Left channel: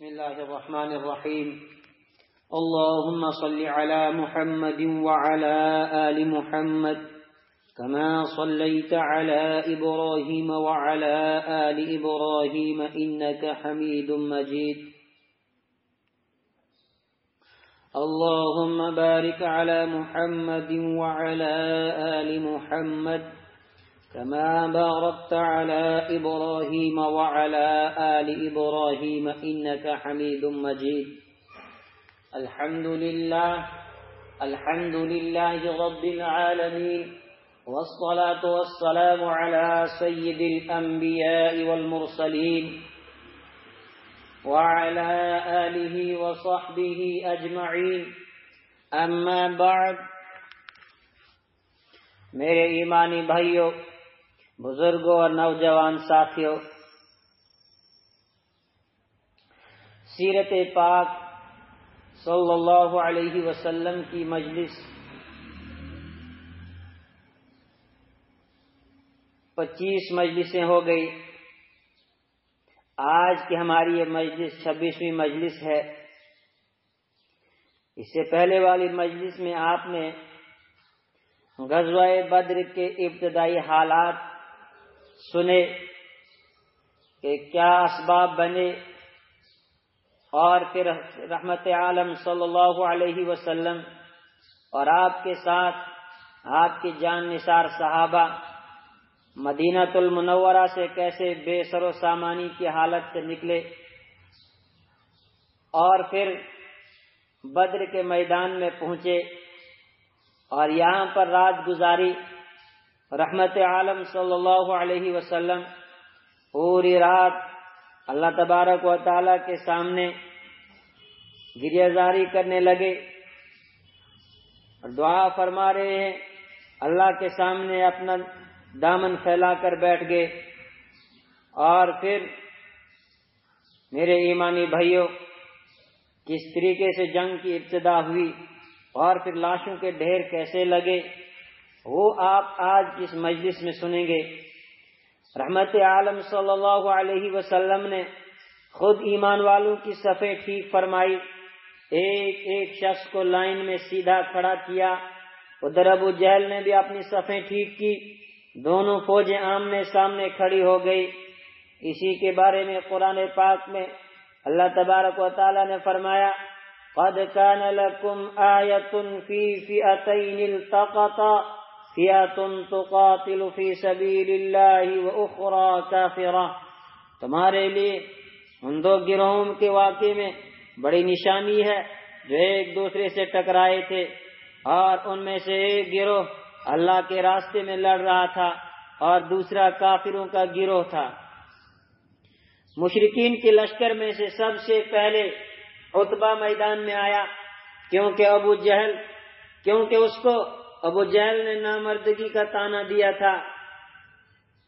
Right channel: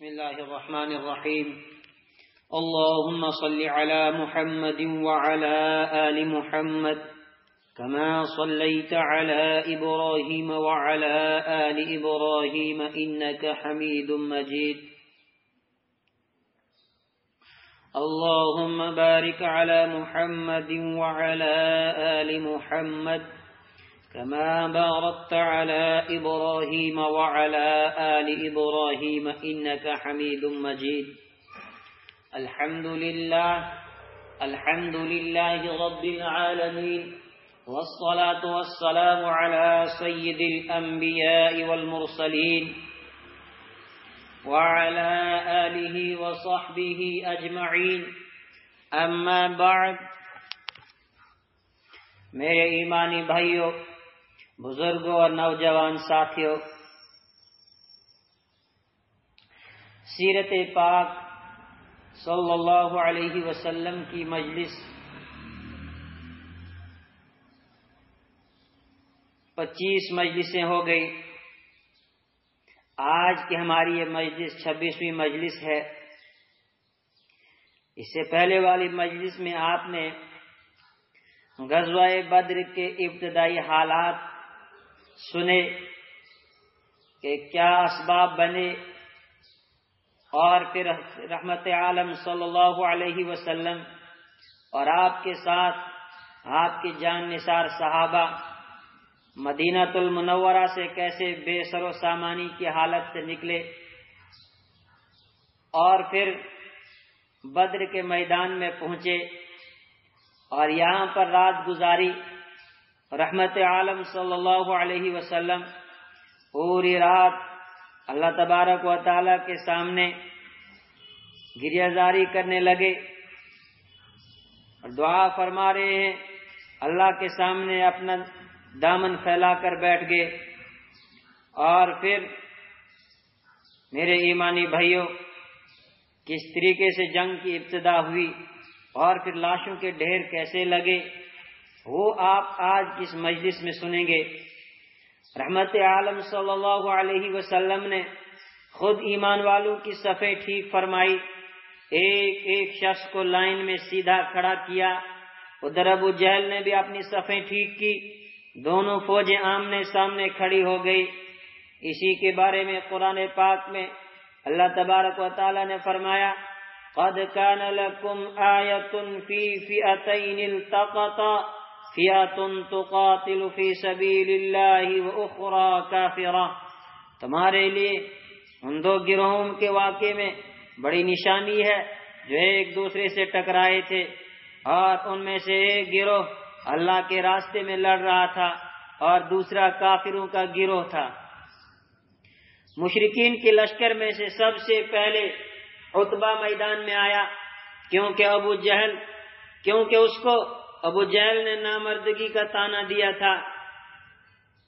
بسم الله الرحمن الرحيم اللهم صل على محمد وعلى آل محمد كما صليت على إبراهيم وعلى آل إبراهيم إنك حميد مجيد اللهم بارك على محمد وعلى آل محمد كما باركت على إبراهيم وعلى آل إبراهيم إنك حميد مجيد الحمد لله رب العالمين والصلاة والسلام على سيد الأنبياء والمرسلين وعلى آله وصحبه أجمعين أما بعد میرے ایمانی بھائیوں، بزرگوں اور نوجوان ساتھیوں، سیرت پاک صلی اللہ علیہ وسلم کی مجلس 25 مجلسیں ہو گئی۔ آج کی ہماری یہ مجلس 26ویں مجلس ہے۔ اس سے پہلے والی مجلس میں آپ نے غزوہ بدر کے ابتدائی حالات سنے کہ کیا اسباب بنے، اور پھر رحمت عالم صلی اللہ علیہ وسلم اور آپ کے ساتھ آپ کی جان نثار صحابہ مدینہ المنورہ سے کیسے بے سر و سامانی کی حالت سے نکلے، اور پھر بدر کے میدان میں پہنچے اور یہاں پر رات گزاری۔ رحمت عالم صلی اللہ علیہ وسلم پوری رات اللہ تبارک و تعالی کے سامنے گریہ زاری کرنے لگے اور دعا فرما رہے ہیں، اللہ کے سامنے اپنا دامن پھیلا کر بیٹھ گئے۔ اور پھر میرے ایمانی بھائیوں، کس طریقے سے جنگ کی ابتدا ہوئی اور پھر لاشوں کے ڈھیر کیسے لگے، وہ آپ آج کی اس مجلس میں سنیں گے۔ رحمت عالم صلی اللہ علیہ وسلم نے خود ایمان والوں کی صفیں ٹھیک فرمائی، ایک ایک شخص کو لائن میں سیدھا کھڑا کیا۔ ادھر ابو جہل نے بھی اپنی صفیں ٹھیک کی، دونوں فوجیں آمنے سامنے کھڑی ہو گئی۔ اسی کے بارے میں قرآن پاک میں اللہ تبارک و تعالی نے فرمایا، قد كان لكم آية في فئتين التقطا فئة تقاتل في سبيل الله وأخرى كافرة، تمہارے لیے ان دو گروہوں کے واقعے میں بڑی نشانی ہے جو ایک دوسرے سے ٹکرائے تھے، اور ان میں سے ایک گروہ اللہ کے راستے میں لڑ رہا تھا اور دوسرا کافروں کا گروہ تھا۔ مشرکین کے لشکر میں سے سب سے پہلے عتبہ میدان میں آیا، کیونکہ اس کو ابو جہل نے نامردگی کا طعنہ دیا تھا۔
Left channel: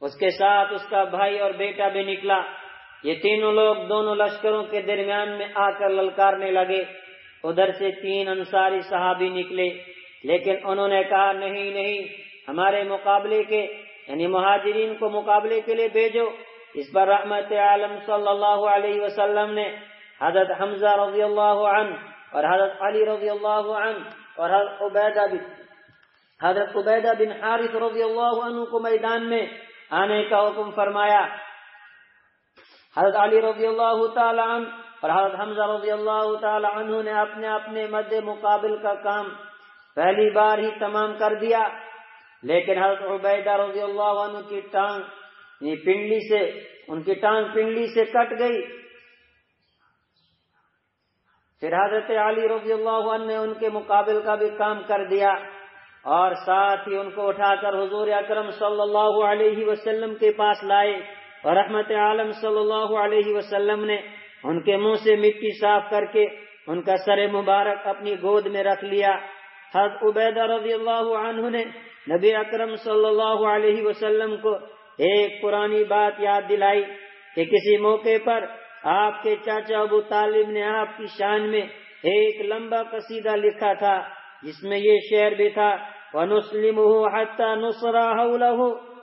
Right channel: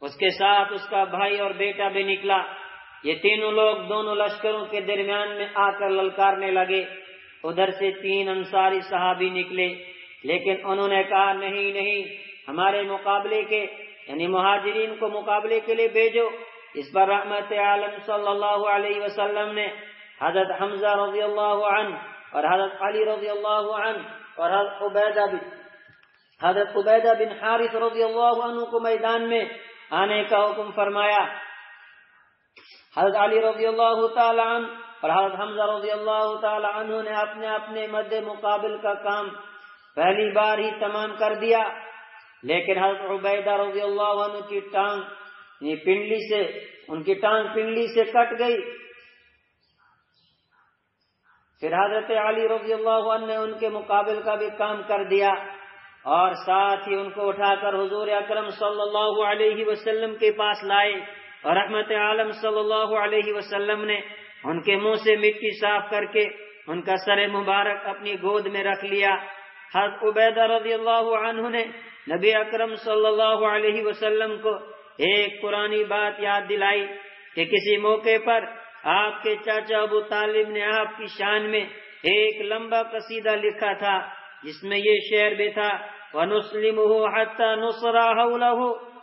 اس کے ساتھ اس کا بھائی اور بیٹا بھی نکلا۔ یہ تینوں لوگ دونوں لشکروں کے درمیان میں آ کر للکارنے لگے۔ ادھر سے 3 انصاری صحابی نکلے، لیکن انہوں نے کہا نہیں، ہمارے مقابلے کے یعنی مہاجرین کو مقابلے کے لیے بھیجو۔ اس پر رحمت عالم صلی اللہ علیہ وسلم نے حضرت حمزہ رضی اللہ عنہ اور حضرت علی رضی اللہ عنہ اور حضرت عبیدہ بن حارث رضی اللہ عنہ کو میدان میں آنے کا حکم فرمایا۔ حضرت علی رضی اللہ تعالی عنہ اور حضرت حمزہ رضی اللہ تعالی عنہ نے اپنے اپنے مد مقابل کا کام پہلی بار ہی تمام کر دیا، لیکن حضرت عبیدہ رضی اللہ عنہ کی ٹانگ پنڈلی سے کٹ گئی۔ پھر حضرت علی رضی اللہ عنہ نے ان کے مقابل کا بھی کام کر دیا، اور ساتھ ہی ان کو اٹھا کر حضور اکرم صلی اللہ علیہ وسلم کے پاس لائے، اور رحمت عالم صلی اللہ علیہ وسلم نے ان کے منہ سے مٹی صاف کر کے ان کا سر مبارک اپنی گود میں رکھ لیا۔ حضرت عبیدہ رضی اللہ عنہ نے نبی اکرم صلی اللہ علیہ وسلم کو ایک پرانی بات یاد دلائی کہ کسی موقع پر آپ کے چاچا ابو طالب نے آپ کی شان میں ایک لمبا قصیدہ لکھا تھا، جس میں یہ شعر بھی تھا، وَنُسْلِمُهُ حَتَّى نُصْرَ حَوْلَهُ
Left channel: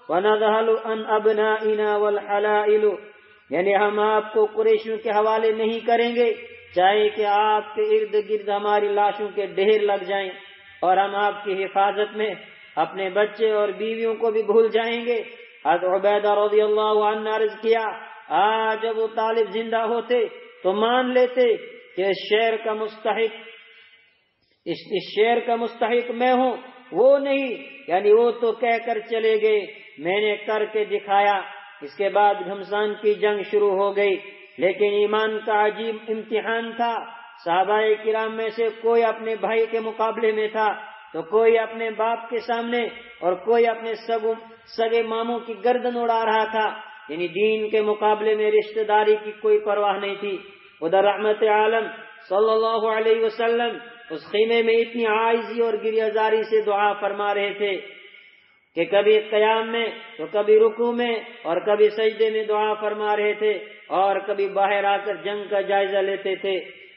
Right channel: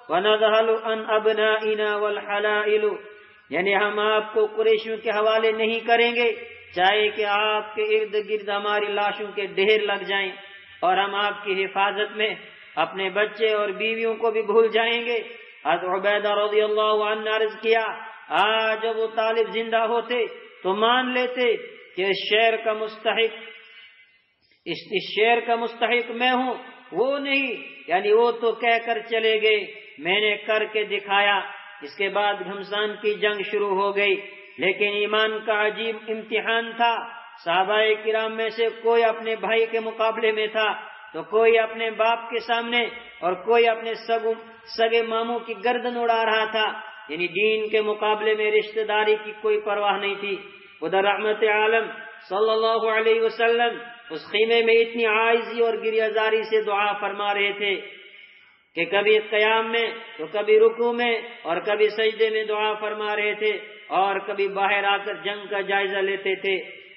وَنَذْهَلُ عَنْ أَبْنَائِنَا وَالْحَلَائِلُ یعنی ہم آپ کو قریشیوں کے حوالے نہیں کریں گے، چاہے کہ آپ کے ارد گرد ہماری لاشوں کے ڈھیر لگ جائیں، اور ہم آپ کی حفاظت میں اپنے بچے اور بیویوں کو بھی بھول جائیں گے۔ حضرت عبیدہ رضی اللہ عنہ نے عرض کیا، آج ابو طالب زندہ ہوتے تو مان لیتے کہ اس شعر کا مستحق میں ہوں، وہ نہیں، یعنی وہ تو کہہ کر چلے گئے، میں نے کر کے دکھایا۔ اس کے بعد گھمسان کی جنگ شروع ہو گئی، لیکن ایمان کا عجیب امتحان تھا۔ صحابہ کرام میں سے کوئی اپنے بھائی کے مقابلے میں تھا، تو کوئی اپنے باپ کے سامنے، اور کوئی اپنے سگے ماموں کی گردن اڑا رہا تھا، یعنی دین کے مقابلے میں رشتہ داری کی کوئی پرواہ نہیں تھی۔ ادھر رحمت عالم صلی اللہ علیہ وسلم اس خیمے میں اتنی عاجزی اور گریہ زاری سے دعا فرما رہے تھے کہ کبھی قیام میں تو کبھی رکوع میں اور کبھی سجدے میں دعا فرما رہے تھے، اور کبھی باہر آ کر جنگ کا جائزہ لیتے تھے۔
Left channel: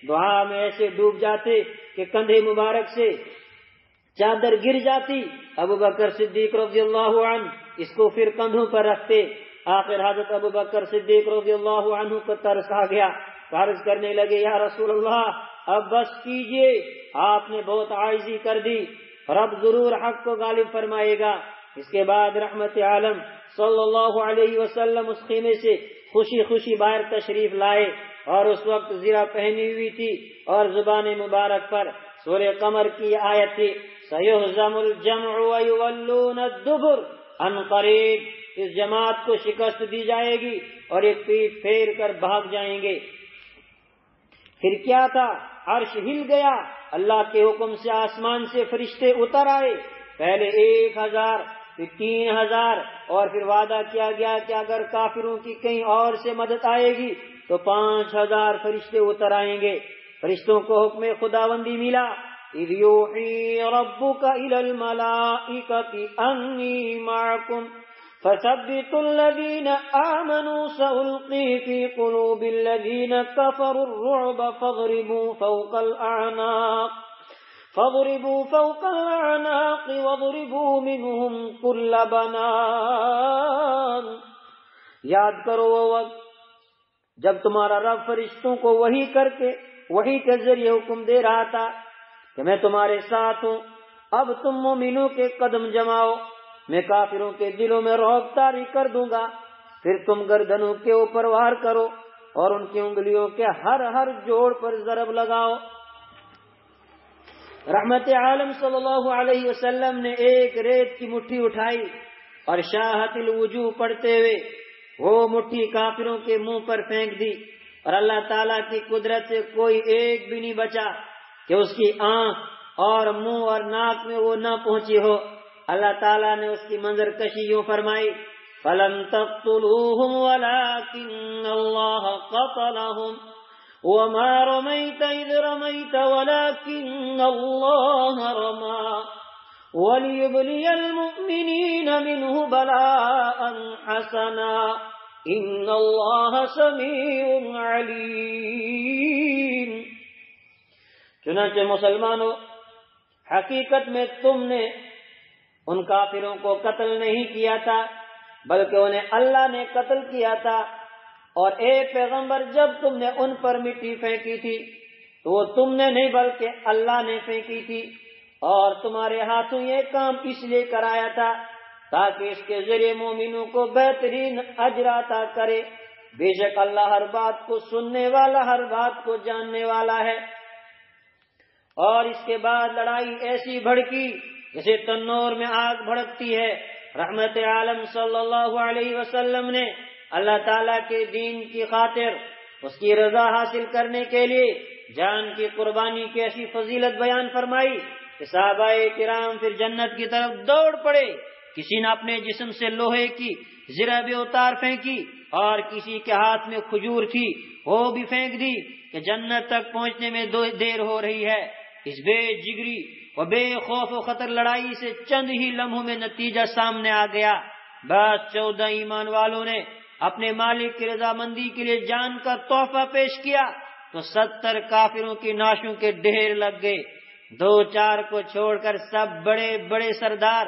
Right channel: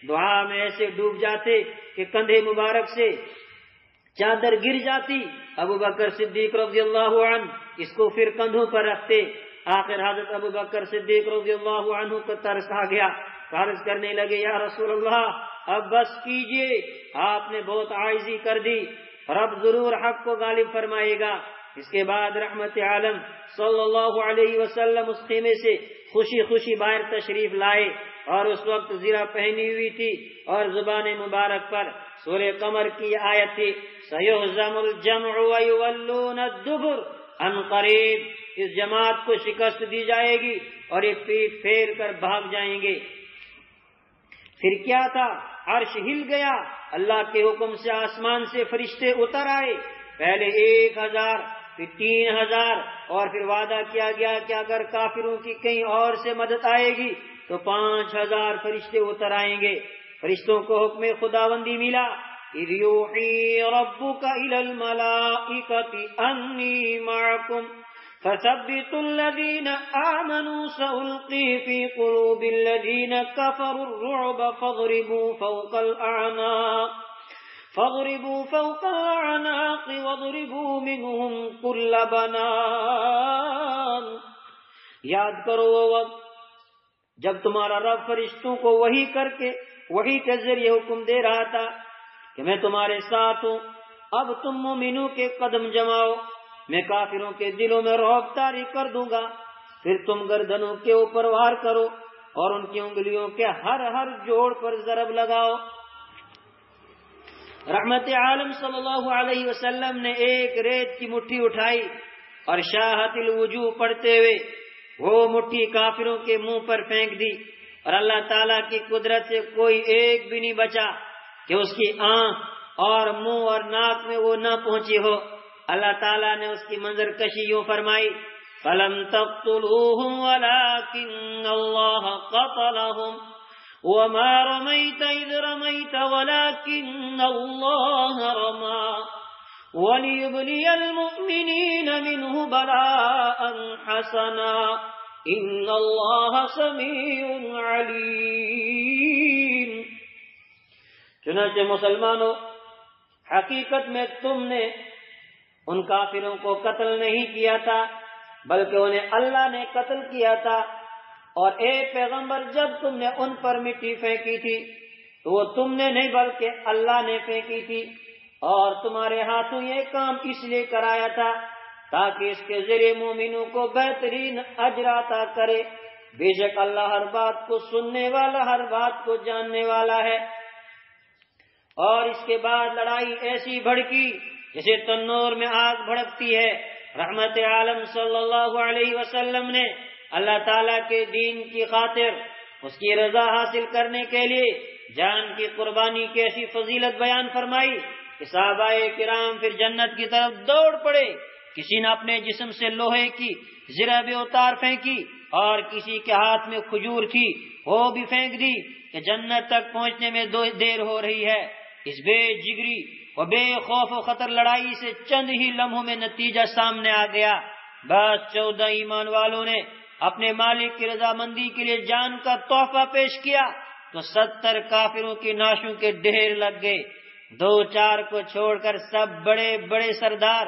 دعا میں ایسے ڈوب جاتے کہ کندھے مبارک سے چادر گر جاتی۔ ابو بکر صدیق رضی اللہ عنہ اس کو پھر کندھوں پر رکھتے۔ آخر حضرت ابو بکر صدیق رضی اللہ عنہ کو ترس آ گیا، عرض کرنے لگے، یا رسول اللہ اب بس کیجئے، آپ نے بہت عاجزی کر دی، رب ضرور حق کو غالب فرمائے گا۔ اس کے بعد رحمت عالم صلی اللہ علیہ وسلم اس خیمے سے خوشی خوشی باہر تشریف لائے، اور اس وقت زرہ پہنی ہوئی تھی، اور زبان مبارک پر سورہ قمر کی آیت تھی، سَيُهْزَمُ الْجَمْعُ وَيُوَلُّونَ الدُّبُرَ، ان قریب اس جماعت کو شکست دی جائے گی اور ایک پیٹ پھیر کر بھاگ جائیں گے۔ پھر کیا تھا؟ عرش ہل گیا، اللہ کے حکم سے آسمان سے فرشتے اتر آئے، پہلے 1000 پھر 3000، اور پھر وعدہ کیا گیا کہ اگر کافروں کی کہیں اور سے مدد آئے گی تو 5000 فرشتے اتر آئیں گے۔ فرشتوں کو حکم خداوندی ملا، اِذْ يُوحِي رَبُّكَ إِلَى الْمَلَائِكَةِ أَنِّي مَعَكُمْ فَثَبِّتُوا الَّذِينَ آمَنُوا سَأُلْقِي فِي قُلُوبِ الَّذِينَ كَفَرُوا الرُّعْبَ فَاضْرِبُوا فوق الأعناق واضربوا منهم كل بنان۔ یاد کرو وہ وقت جب تمہارا رب فرشتوں کو وحی کے ذریعے حکم دے رہا تھا کہ میں تمہارے ساتھ ہوں، اب تم مومنوں کے قدم جماؤ، میں کافروں کے دلوں میں رعب طاری کر دوں گا، پھر تم گردنوں کے اوپر وار کرو اور ان کی انگلیوں کے ہر جوڑ پر ضرب لگاؤ۔ رحمت عالم صلی اللہ علیہ وسلم نے ایک ریت کی مٹھی اٹھائی اور شاہت الوجوہ پڑھتے ہوئے وہ مٹھی کافروں کے منہ پر پھینک دی، اور اللہ تعالیٰ کی قدرت سے کوئی ایک بھی نہیں بچا کہ اس کی آنکھ اور منہ اور ناک میں وہ نہ پہنچی ہو۔ اللہ تعالیٰ نے اس کی منظر کشی یوں فرمائی، فَلَمْ تَقْتُلُوهُمْ وَلَكِنَّ اللَّهَ قَتَلَهُمْ وَمَا رَمَيْتَ إِذْ رَمَيْتَ وَلَكِنَّ اللَّهَ رَمَى وَلِيُبْلِيَ الْمُؤْمِنِينَ مِنْهُ بَلَاءً حَسَنًا إِنَّ اللَّهَ سَمِيعٌ عَلِيمٌ۔ چنانچہ مسلمانوں، حقیقت میں تم نے ان کافروں کو قتل نہیں کیا تھا، بلکہ انہیں اللہ نے قتل کیا تھا، اور اے پیغمبر جب تم نے ان پر مٹی پھینکی تھی تو وہ تم نے نہیں بلکہ اللہ نے پھینکی تھی، اور تمہارے ہاتھوں یہ کام اس لیے کرایا تھا تاکہ اس کے ذریعے مومنوں کو بہترین اجر عطا کرے۔ بے شک اللہ ہر بات کو سننے والا، ہر بات کو جاننے والا ہے۔ اور اس کے بعد لڑائی ایسی بھڑکی جیسے تنور میں آگ بھڑکتی ہے۔ رحمت عالم صلی اللہ علیہ وسلم نے اللہ تعالیٰ کے دین کی خاطر اس کی رضا حاصل کرنے کے لیے جان کی قربانی کی ایسی فضیلت بیان فرمائی کہ صحابہ کرام پھر جنت کی طرف دوڑ پڑے۔ کسی نے اپنے جسم سے لوہے کی زرہ بھی اتار پھینکی، اور کسی کے ہاتھ میں کھجور تھی وہ بھی پھینک دی کہ جنت تک پہنچنے میں دیر ہو رہی ہے۔ اس بے جگری و بے خوف و خطر لڑائی سے چند ہی لمحوں میں نتیجہ سامنے آ گیا۔ بس 14 ایمان والوں نے اپنے مالک کی رضامندی کے لیے جان کا تحفہ پیش کیا تو 70 کافروں کی ناشوں کے ڈھیر لگ گئے۔ 2-4 کو چھوڑ کر سب بڑے بڑے سردار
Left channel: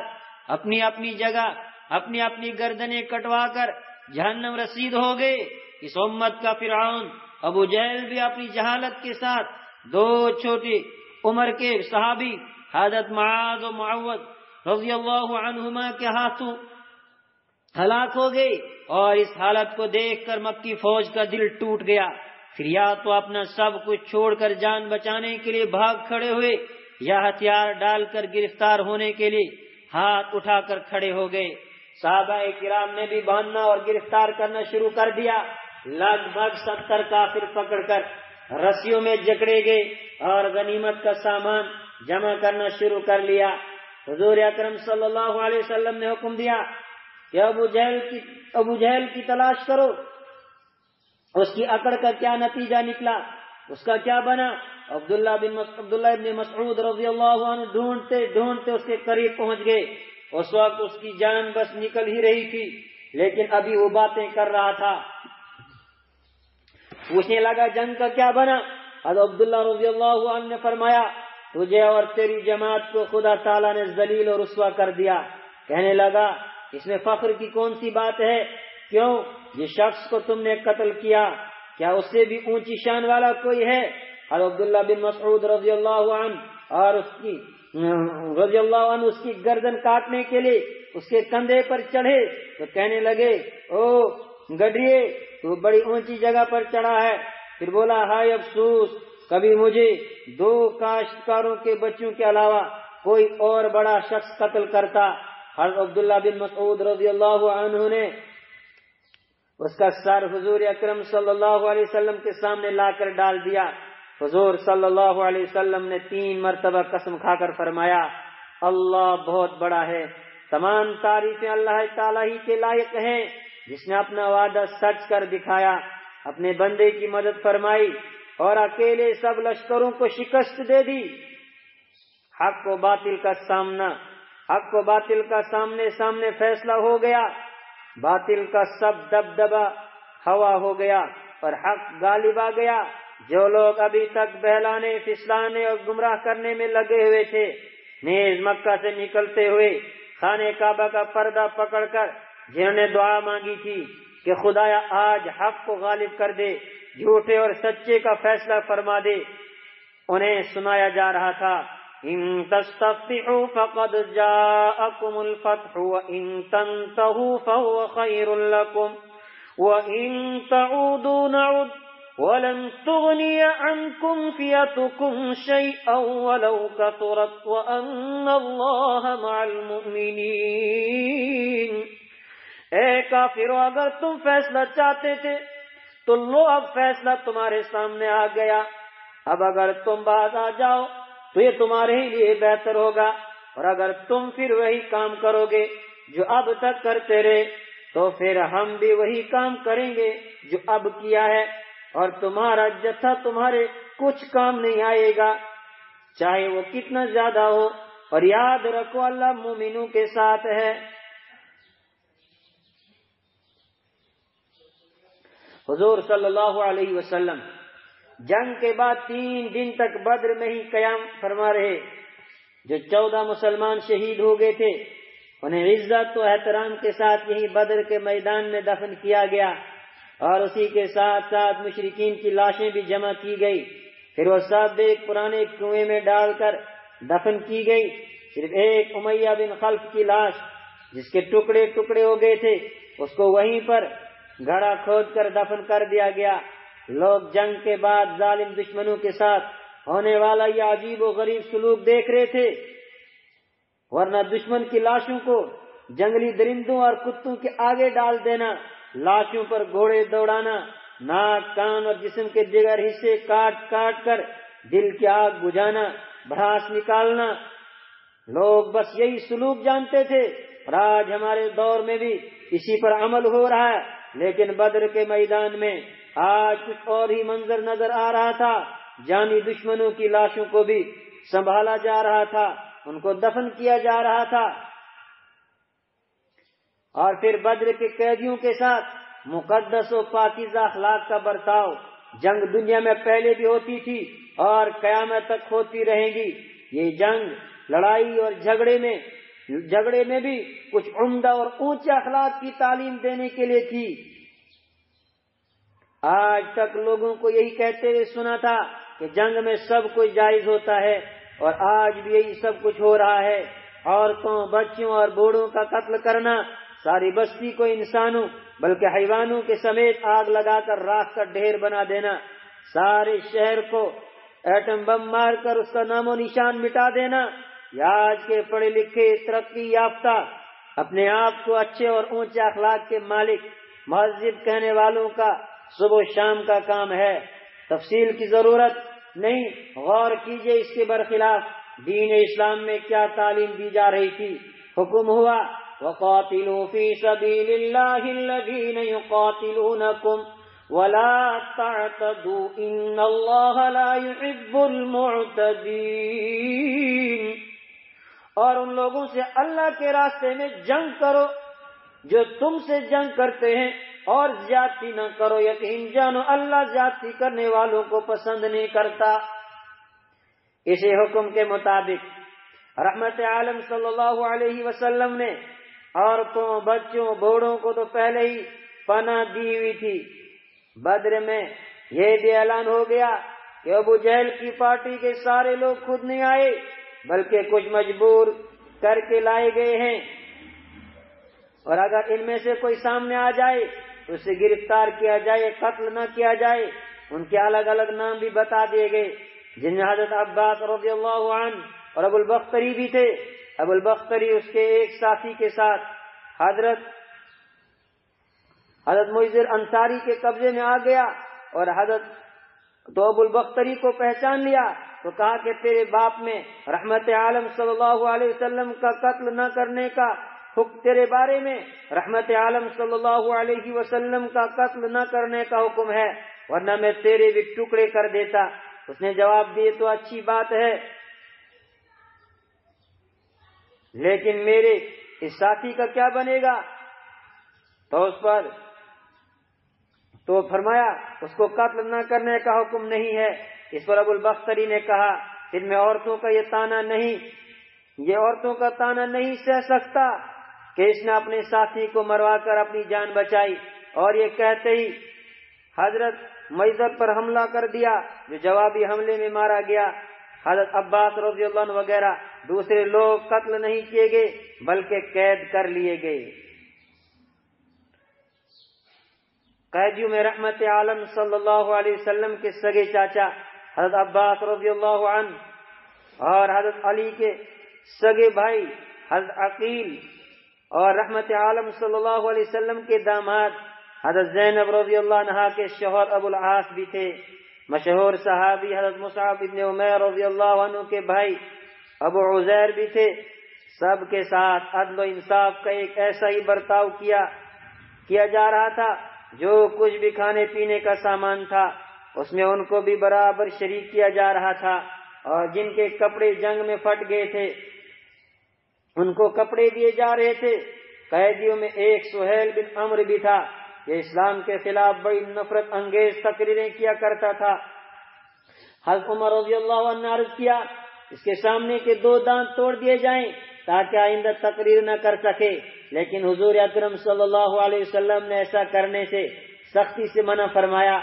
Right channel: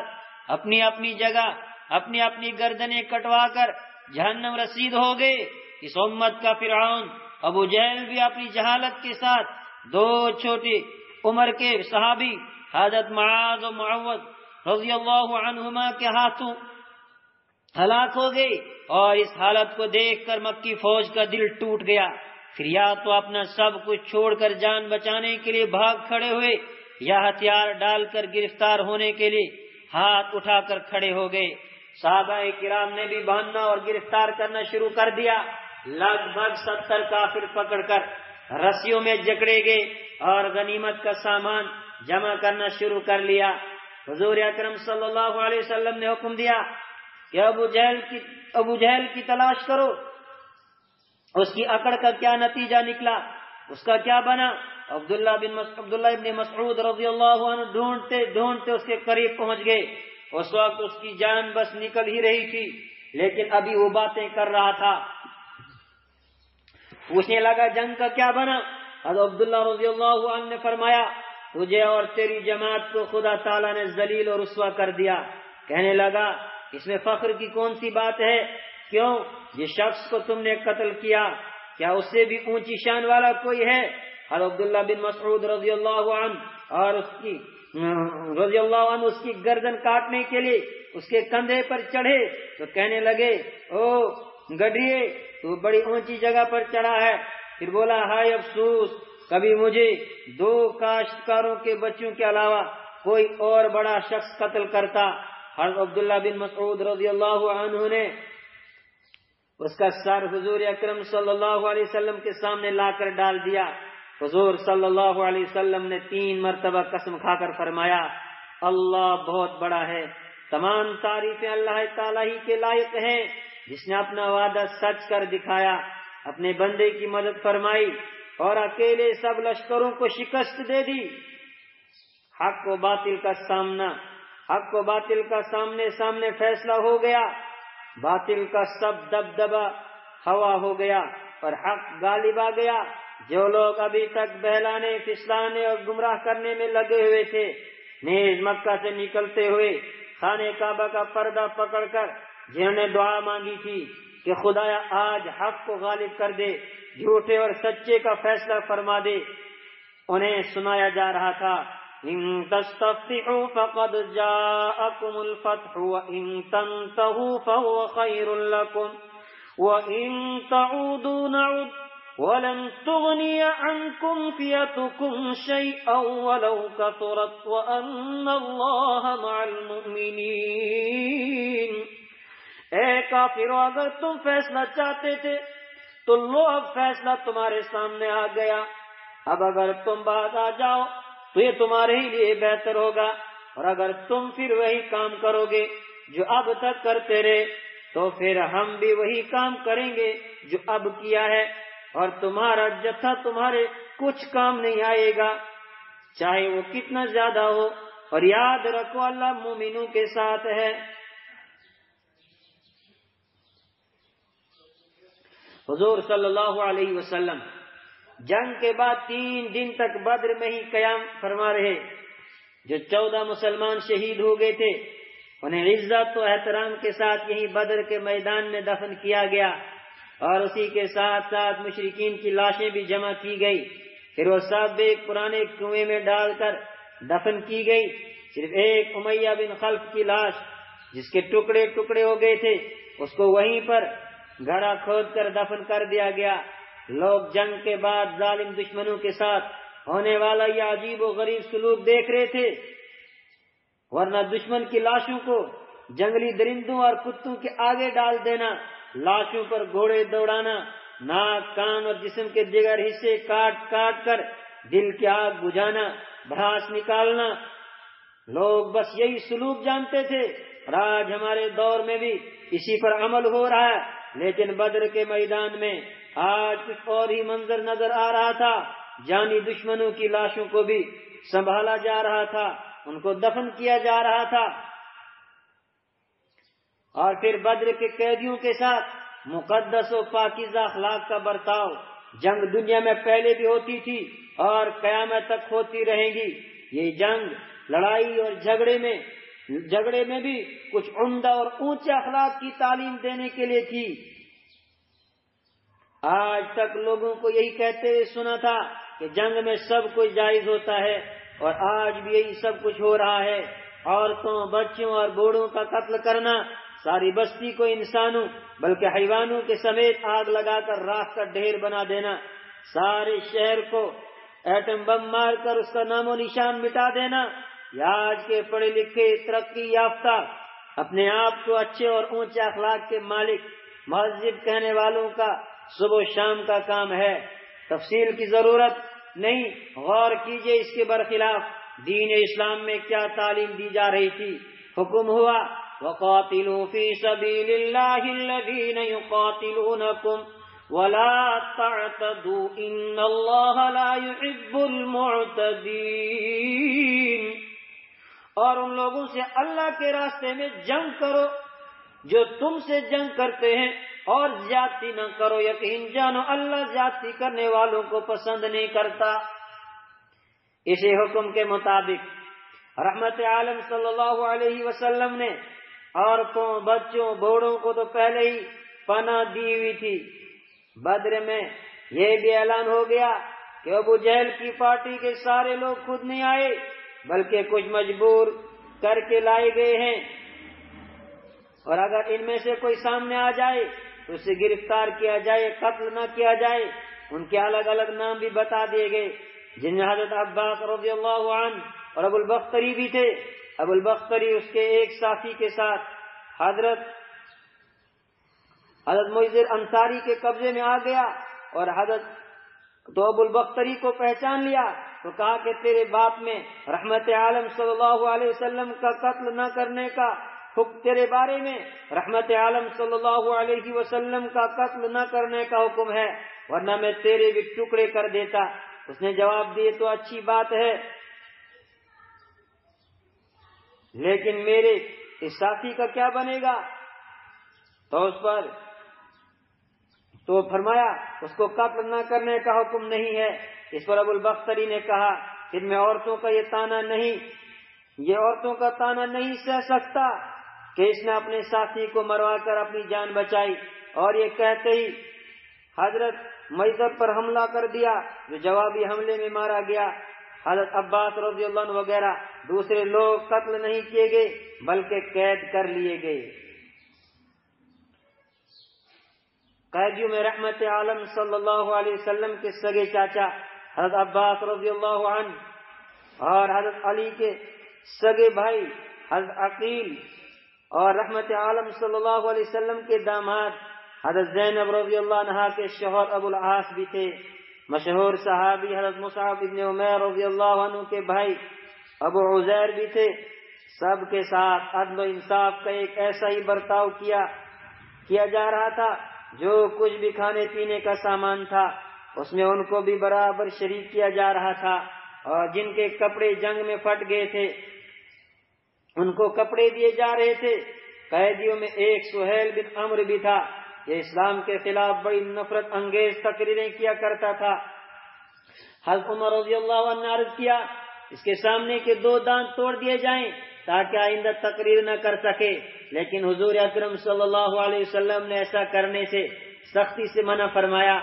اپنی اپنی جگہ اپنی اپنی گردنیں کٹوا کر جہنم رسید ہو گئے۔ اس امت کا فرعون ابو جہل بھی اپنی جہالت کے ساتھ 2 چھوٹی عمر کے صحابی حضرت معاذ و معوذ رضی اللہ عنہما کے ہاتھوں ہلاک ہو گئے، اور اس حالت کو دیکھ کر مکی فوج کا دل ٹوٹ گیا۔ پھر یا تو اپنا سب کچھ چھوڑ کر جان بچانے کے لیے بھاگ کھڑے ہوئے، یا ہتھیار ڈال کر گرفتار ہونے کے لیے ہاتھ اٹھا کر کھڑے ہو گئے۔ صحابہ کرام نے بھی باندھنا اور گرفتار کرنا شروع کر دیا۔ لگ بھگ 70 کافر پکڑ کر رسیوں میں جکڑے گئے اور غنیمت کا سامان جمع کرنا شروع کر لیا۔ حضور اکرم صلی اللہ علیہ وسلم نے حکم دیا کہ ابو جہل کی تلاش کرو، اس کی اکڑ کا کیا نتیجہ نکلا، اس کا کیا بنا۔ عبداللہ ابن مسعود رضی اللہ عنہ ڈھونڈتے ڈھونڈتے اس کے قریب پہنچ گئے۔ اس وقت اس کی جان بس نکل ہی رہی تھی، لیکن ابھی وہ باتیں کر رہا تھا۔ پوچھنے لگا جنگ کا کیا بنا۔ حضرت عبداللہ رضی اللہ عنہ نے فرمایا تجھے اور تیری جماعت کو خدا تعالیٰ نے ذلیل اور رسوا کر دیا۔ کہنے لگا اس میں فخر کی کون سی بات ہے؟ کیوں یہ شخص کو تم نے قتل کیا، کیا اس سے بھی اونچی شان والا کوئی ہے؟ حضرت عبداللہ بن مسعود رضی اللہ عنہ اس کی گردن کاٹنے کے لیے اس کے کندھے پر چڑھے تو کہنے لگے او گڈریے تو بڑی اونچی جگہ پر چڑھا ہے۔ پھر بولا ہائے افسوس، کبھی مجھے 2 کاشتکاروں کے بچوں کے علاوہ کوئی اور بڑا شخص قتل کرتا۔ حضرت عبداللہ بن مسعود رضی اللہ عنہ نے اس کا سر حضور اکرم صلی اللہ علیہ وسلم کے سامنے لا کر ڈال دیا۔ حضور صلی اللہ علیہ وسلم نے 3 مرتبہ قسم کھا کر فرمایا اللہ بہت بڑا ہے، تمام تعریفیں اللہ تعالیٰ ہی کے لائق ہیں، جس نے اپنا وعدہ سچ کر دکھایا، اپنے بندے کی مدد فرمائی اور اکیلے سب لشکروں کو شکست دے دی۔ حق و باطل کا سامنے سامنے فیصلہ ہو گیا، باطل کا سب دبدبہ ہوا ہو گیا اور حق غالب آ گیا۔ جو لوگ ابھی تک بہلانے پھسلانے اور گمراہ کرنے میں لگے ہوئے تھے، نیز مکہ سے نکلتے ہوئے خانہ کعبہ کا پردہ پکڑ کر جنہوں نے دعا مانگی تھی کہ خدایا آج حق کو غالب کر دے، جھوٹے اور سچے کا فیصلہ فرما دے، انہیں سنایا جا رہا تھا ان تستفتحوا فقد جاءكم الفتح وان تنتهوا فهو خير لكم وان تعودوا نعد ولن تغني عنكم فئتكم شيئا ولو كثرت وان الله مع المؤمنين۔ اے کافرو، اگر تم فیصلہ چاہتے تھے تو لو اب فیصلہ تمہارے سامنے آ گیا، اب اگر تم باز آ جاؤ تو یہ تمہارے ہی لیے بہتر ہوگا، اور اگر تم پھر وہی کام کرو گے جو اب تک کرتے رہے تو پھر ہم بھی وہی کام کریں گے جو اب کیا ہے، اور تمہارا جتھا تمہارے کچھ کام نہیں آئے گا چاہے وہ کتنا زیادہ ہو، اور یاد رکھو اللہ مومنوں کے ساتھ ہے۔ حضور صلی اللہ علیہ وسلم جنگ کے بعد 3 دن تک بدر میں ہی قیام فرما رہے۔ جو 14 مسلمان شہید ہو گئے تھے انہیں عزت و احترام کے ساتھ یہی بدر کے میدان میں دفن کیا گیا، اور اسی کے ساتھ ساتھ مشرکین کی لاشیں بھی جمع کی گئی۔ پھر وہ سب ایک پرانے کنویں میں ڈال کر دفن کی گئی۔ صرف ایک امیہ بن خلف کی لاش جس کے ٹکڑے ٹکڑے ہو گئے تھے اس کو وہیں پر گڑھا کھود کر دفن کر دیا گیا۔ لوگ جنگ کے بعد ظالم دشمنوں کے ساتھ ہونے والا یہ عجیب و غریب سلوک دیکھ رہے تھے، ورنہ دشمن کی لاشوں کو جنگلی درندوں اور کتوں کے آگے ڈال دینا، لاشوں پر گھوڑے دوڑانا، ناک کان اور جسم کے دیگر حصے کاٹ کاٹ کر دل کی آگ بجھانا، بھڑاس نکالنا، لوگ بس یہی سلوک جانتے تھے، اور آج ہمارے دور میں بھی اسی پر عمل ہو رہا ہے۔ لیکن بدر کے میدان میں آج کچھ اور ہی منظر نظر آ رہا تھا۔ جانی دشمنوں کی لاشوں کو بھی سنبھالا جا رہا تھا، ان کو دفن کیا جا رہا تھا، اور پھر بدر کے قیدیوں کے ساتھ مقدس و پاکیزہ اخلاق کا برتاؤ۔ جنگ دنیا میں پہلے بھی ہوتی تھی اور قیامت تک ہوتی رہیں گی۔ یہ جنگ، لڑائی اور جھگڑے میں بھی کچھ عمدہ اور اونچے اخلاق کی تعلیم دینے کے لیے تھی۔ آج تک لوگوں کو یہی کہتے ہوئے سنا تھا کہ جنگ میں سب کچھ جائز ہوتا ہے، اور آج بھی یہی سب کچھ ہو رہا ہے۔ عورتوں، بچوں اور بوڑھوں کا قتل کرنا، ساری بستی کو انسانوں بلکہ حیوانوں کے سمیت آگ لگا کر راکھ کا ڈھیر بنا دینا، سارے شہر کو ایٹم بم مار کر اس کا نام و نشان مٹا دینا، یا آج کے پڑھے لکھے ترقی یافتہ اپنے آپ کو اچھے اور اونچے اخلاق کے مالک مہذب کہنے والوں کا صبح و شام کا کام ہے۔ تفصیل کی ضرورت نہیں، غور کیجئے اس کے برخلاف دین اسلام میں کیا تعلیم دی جا رہی تھی۔ حکم ہوا وَقَاتِلُوا فِي سَبِيلِ اللَّهِ الَّذِينَ يُقَاتِلُونَكُمْ وَلَا تَعْتَدُوا إِنَّ اللَّهَ لَا يُحِبُّ الْمُعْتَدِينَ، اور ان لوگوں سے اللہ کے راستے میں جنگ کرو جو تم سے جنگ کرتے ہیں، اور زیادتی نہ کرو، یقین جانو اللہ زیادتی کرنے والوں کو پسند نہیں کرتا۔ اسی حکم کے مطابق رحمت عالم صلی اللہ علیہ وسلم نے عورتوں، بچوں، بوڑھوں کو تو پہلے ہی پناہ دی ہوئی تھی۔ بدر میں یہ بھی اعلان ہو گیا کہ ابو جہل کی پارٹی کے سارے لوگ خود نہیں آئے بلکہ کچھ مجبور کر کے لائے گئے ہیں، اور اگر ان میں سے کوئی سامنے آ جائے تو اسے گرفتار کیا جائے، قتل نہ کیا جائے۔ ان کے الگ الگ نام بھی بتا دیے گئے، جن میں حضرت عباس رضی اللہ عنہ اور ابو البختری بھی تھے۔ ابو البختری اس کے ایک ساتھی کے ساتھ حضرت معذر انصاری کے قبضے میں آ گیا، اور تو ابو البختری کو پہچان لیا تو کہا کہ تیرے باپ میں رحمت عالم صلی اللہ علیہ وسلم کا قتل نہ کرنے کا حکم، تیرے بارے میں رحمت عالم صلی اللہ علیہ وسلم کا قتل نہ کرنے کا حکم ہے، ورنہ میں تیرے بھی ٹکڑے کر دیتا۔ اس نے جواب دیے تو اچھی بات ہے، لیکن میرے اس ساتھی کا کیا بنے گا؟ تو فرمایا اس کو قتل نہ کرنے کا حکم نہیں ہے۔ اس پر ابو البختری نے کہا ان میں عورتوں کا یہ عورتوں کا تانا نہیں سہ سکتا کہ اس نے اپنے ساتھی کو مروا کر اپنی جان بچائی، اور یہ کہتے ہی حضرت معذر پر حملہ کر دیا جو جوابی حملے میں مارا گیا۔ حضرت عباس رضی اللہ عنہ وغیرہ دوسرے لوگ قتل نہیں کیے گئے بلکہ قید کر لیے گئے۔ قیدیوں میں رحمت عالم صلی اللہ علیہ وسلم کے سگے چاچا حضرت عباس رضی اللہ عنہ اور حضرت علی کے سگے بھائی حضرت عقیل، اور رحمت عالم صلی اللہ علیہ وسلم کے داماد حضرت زینب رضی اللہ عنہا کے شوہر ابو العاص بھی تھے۔ مشہور صحابی حضرت مصعب بن عمیر رضی اللہ عنہ کے بھائی ابو عزیر بھی تھے۔ سب کے ساتھ عدل و انصاف کا ایک ایسا ہی برتاؤ کیا جا رہا تھا، جو کچھ بھی کھانے پینے کا سامان تھا اس میں ان کو بھی برابر شریک کیا جا رہا تھا، اور جن کے کپڑے جنگ میں پھٹ گئے تھے ان کو کپڑے دیے جا رہے تھے۔ قیدیوں میں ایک سہیل بن عمرو بھی تھا، یہ اسلام کے خلاف بڑی نفرت انگیز تقریریں کیا کرتا تھا۔ حضرت عمر رضی اللہ عنہ نے عرض کیا اس کے سامنے کے 2 دانت توڑ دیے جائیں تاکہ آئندہ تقریر نہ کر سکے، لیکن حضور اکرم صلی اللہ علیہ وسلم نے ایسا کرنے سے سختی سے منع فرمایا،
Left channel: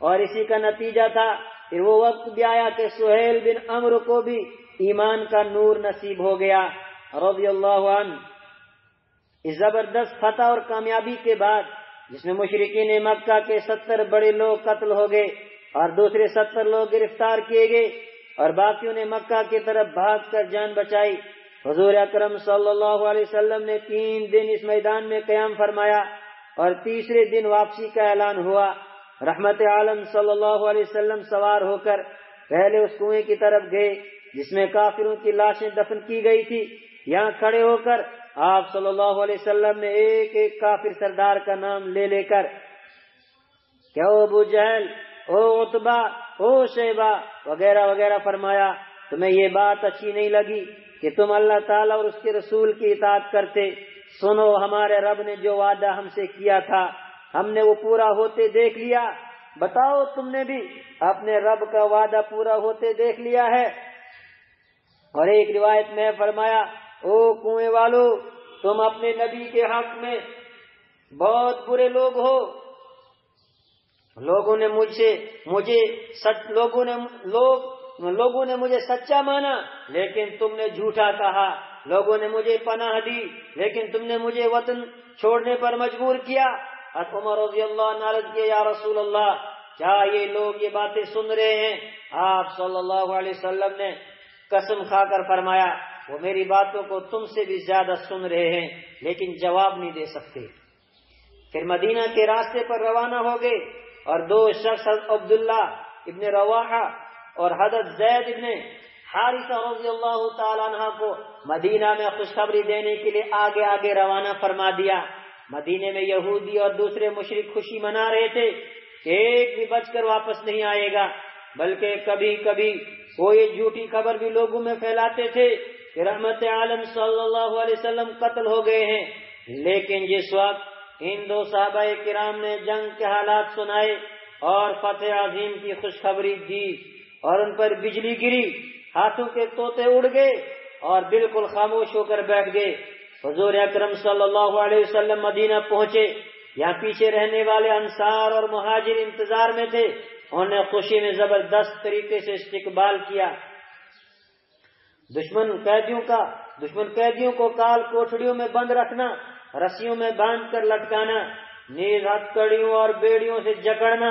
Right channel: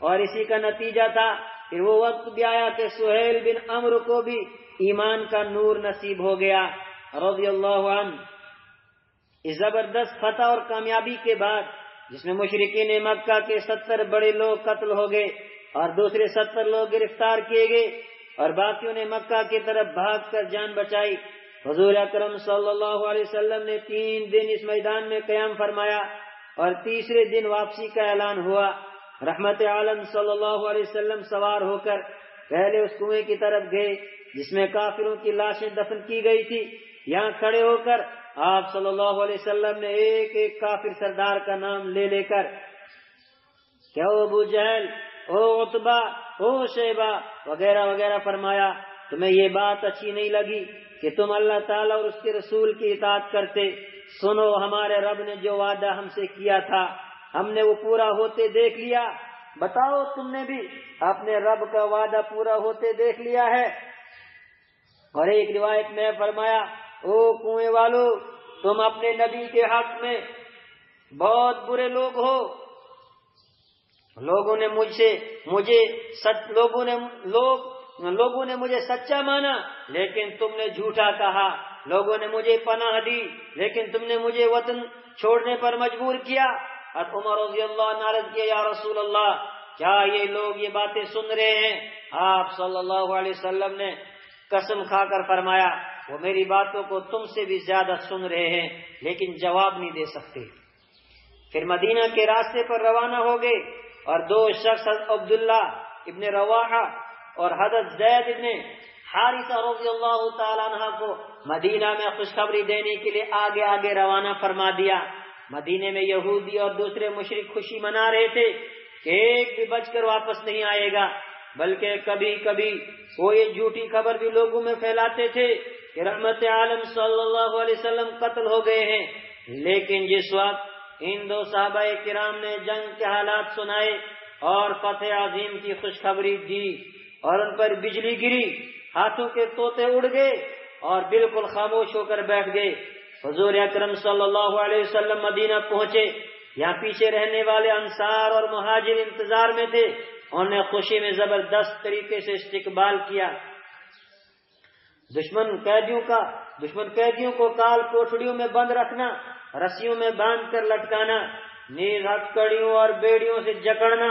اور اسی کا نتیجہ تھا پھر وہ وقت بھی آیا کہ سہیل بن عمرو کو بھی ایمان کا نور نصیب ہو گیا رضی اللہ عنہ۔ اس زبردست فتح اور کامیابی کے بعد جس میں مشرکین مکہ کے 70 بڑے لوگ قتل ہو گئے اور دوسرے 70 لوگ گرفتار کیے گئے اور باقیوں نے مکہ کی طرف بھاگ کر جان بچائی، حضور اکرم صلی اللہ علیہ وسلم نے 3 دن اس میدان میں قیام فرمایا اور تیسرے دن واپسی کا اعلان ہوا۔ رحمت عالم صلی اللہ علیہ وسلم سوار ہو کر پہلے اس کنویں کی طرف گئے جس میں کافروں کی لاشیں دفن کی گئی تھی۔ یہاں کھڑے ہو کر آپ صلی اللہ علیہ وسلم نے ایک ایک کافر سردار کا نام لے کر کہ او ابو جہل، او عتبہ، او شیبہ وغیرہ وغیرہ فرمایا، تمہیں یہ بات اچھی نہیں لگی کہ تم اللہ تعالیٰ اور اس کے رسول کی اطاعت کرتے؟ سنو، ہمارے رب نے جو وعدہ ہم سے کیا تھا ہم نے وہ پورا ہوتے دیکھ لیا، بتاؤ تم نے بھی اپنے رب کا وعدہ پورا ہوتے دیکھ لیا ہے؟ اور ایک روایت میں فرمایا، او کنویں والو، تم اپنے نبی کے حق میں بہت برے لوگ ہو، لوگوں نے مجھے سچا مانا لیکن تم نے جھوٹا کہا، لوگوں نے مجھے پناہ دی لیکن تم نے مجھے وطن چھوڑنے پر مجبور کیا۔ عمر رضی اللہ عنہ عرض کیا، یا رسول اللہ، کیا یہ لوگ یہ باتیں سن رہے ہیں؟ آپ صلی اللہ علیہ وسلم نے قسم کھا کر فرمایا، وہ میری باتوں کو تم سے بھی زیادہ سن رہے ہیں لیکن جواب نہیں دے سکتے۔ پھر مدینہ کے راستے پر روانہ ہو گئے اور دو شخص عبداللہ ابن رواحہ اور حضرت زید ابن حارثہ رضی اللہ تعالیٰ عنہ کو مدینہ میں خوشخبری دینے کے لیے آگے آگے روانہ فرما دیا۔ مدینے میں یہودی اور دوسرے مشرک خوشی منا رہے تھے کہ ایک بھی بچ کر واپس نہیں آئے گا، بلکہ کبھی کبھی وہ یہ جھوٹی خبر بھی لوگوں میں پھیلاتے تھے کہ رحمت عالم صلی اللہ علیہ وسلم قتل ہو گئے ہیں۔ لیکن جس وقت ان دو صحابہ کرام نے جنگ کے حالات سنائے اور فتح عظیم کی خوشخبری دی اور ان پر بجلی گری، ہاتھوں کے طوطے اڑ گئے اور بالکل خاموش ہو کر بیٹھ گئے۔ حضور اکرم صلی اللہ علیہ وسلم مدینہ پہنچے، یہاں پیچھے رہنے والے انصار اور مہاجر انتظار میں تھے، انہوں نے خوشی میں زبردست طریقے سے استقبال کیا۔ دشمن قیدیوں کو کال کوٹڑیوں میں بند رکھنا، رسیوں میں باندھ کر لٹکانا، نیز ہتھکڑیوں اور بیڑیوں سے جکڑنا،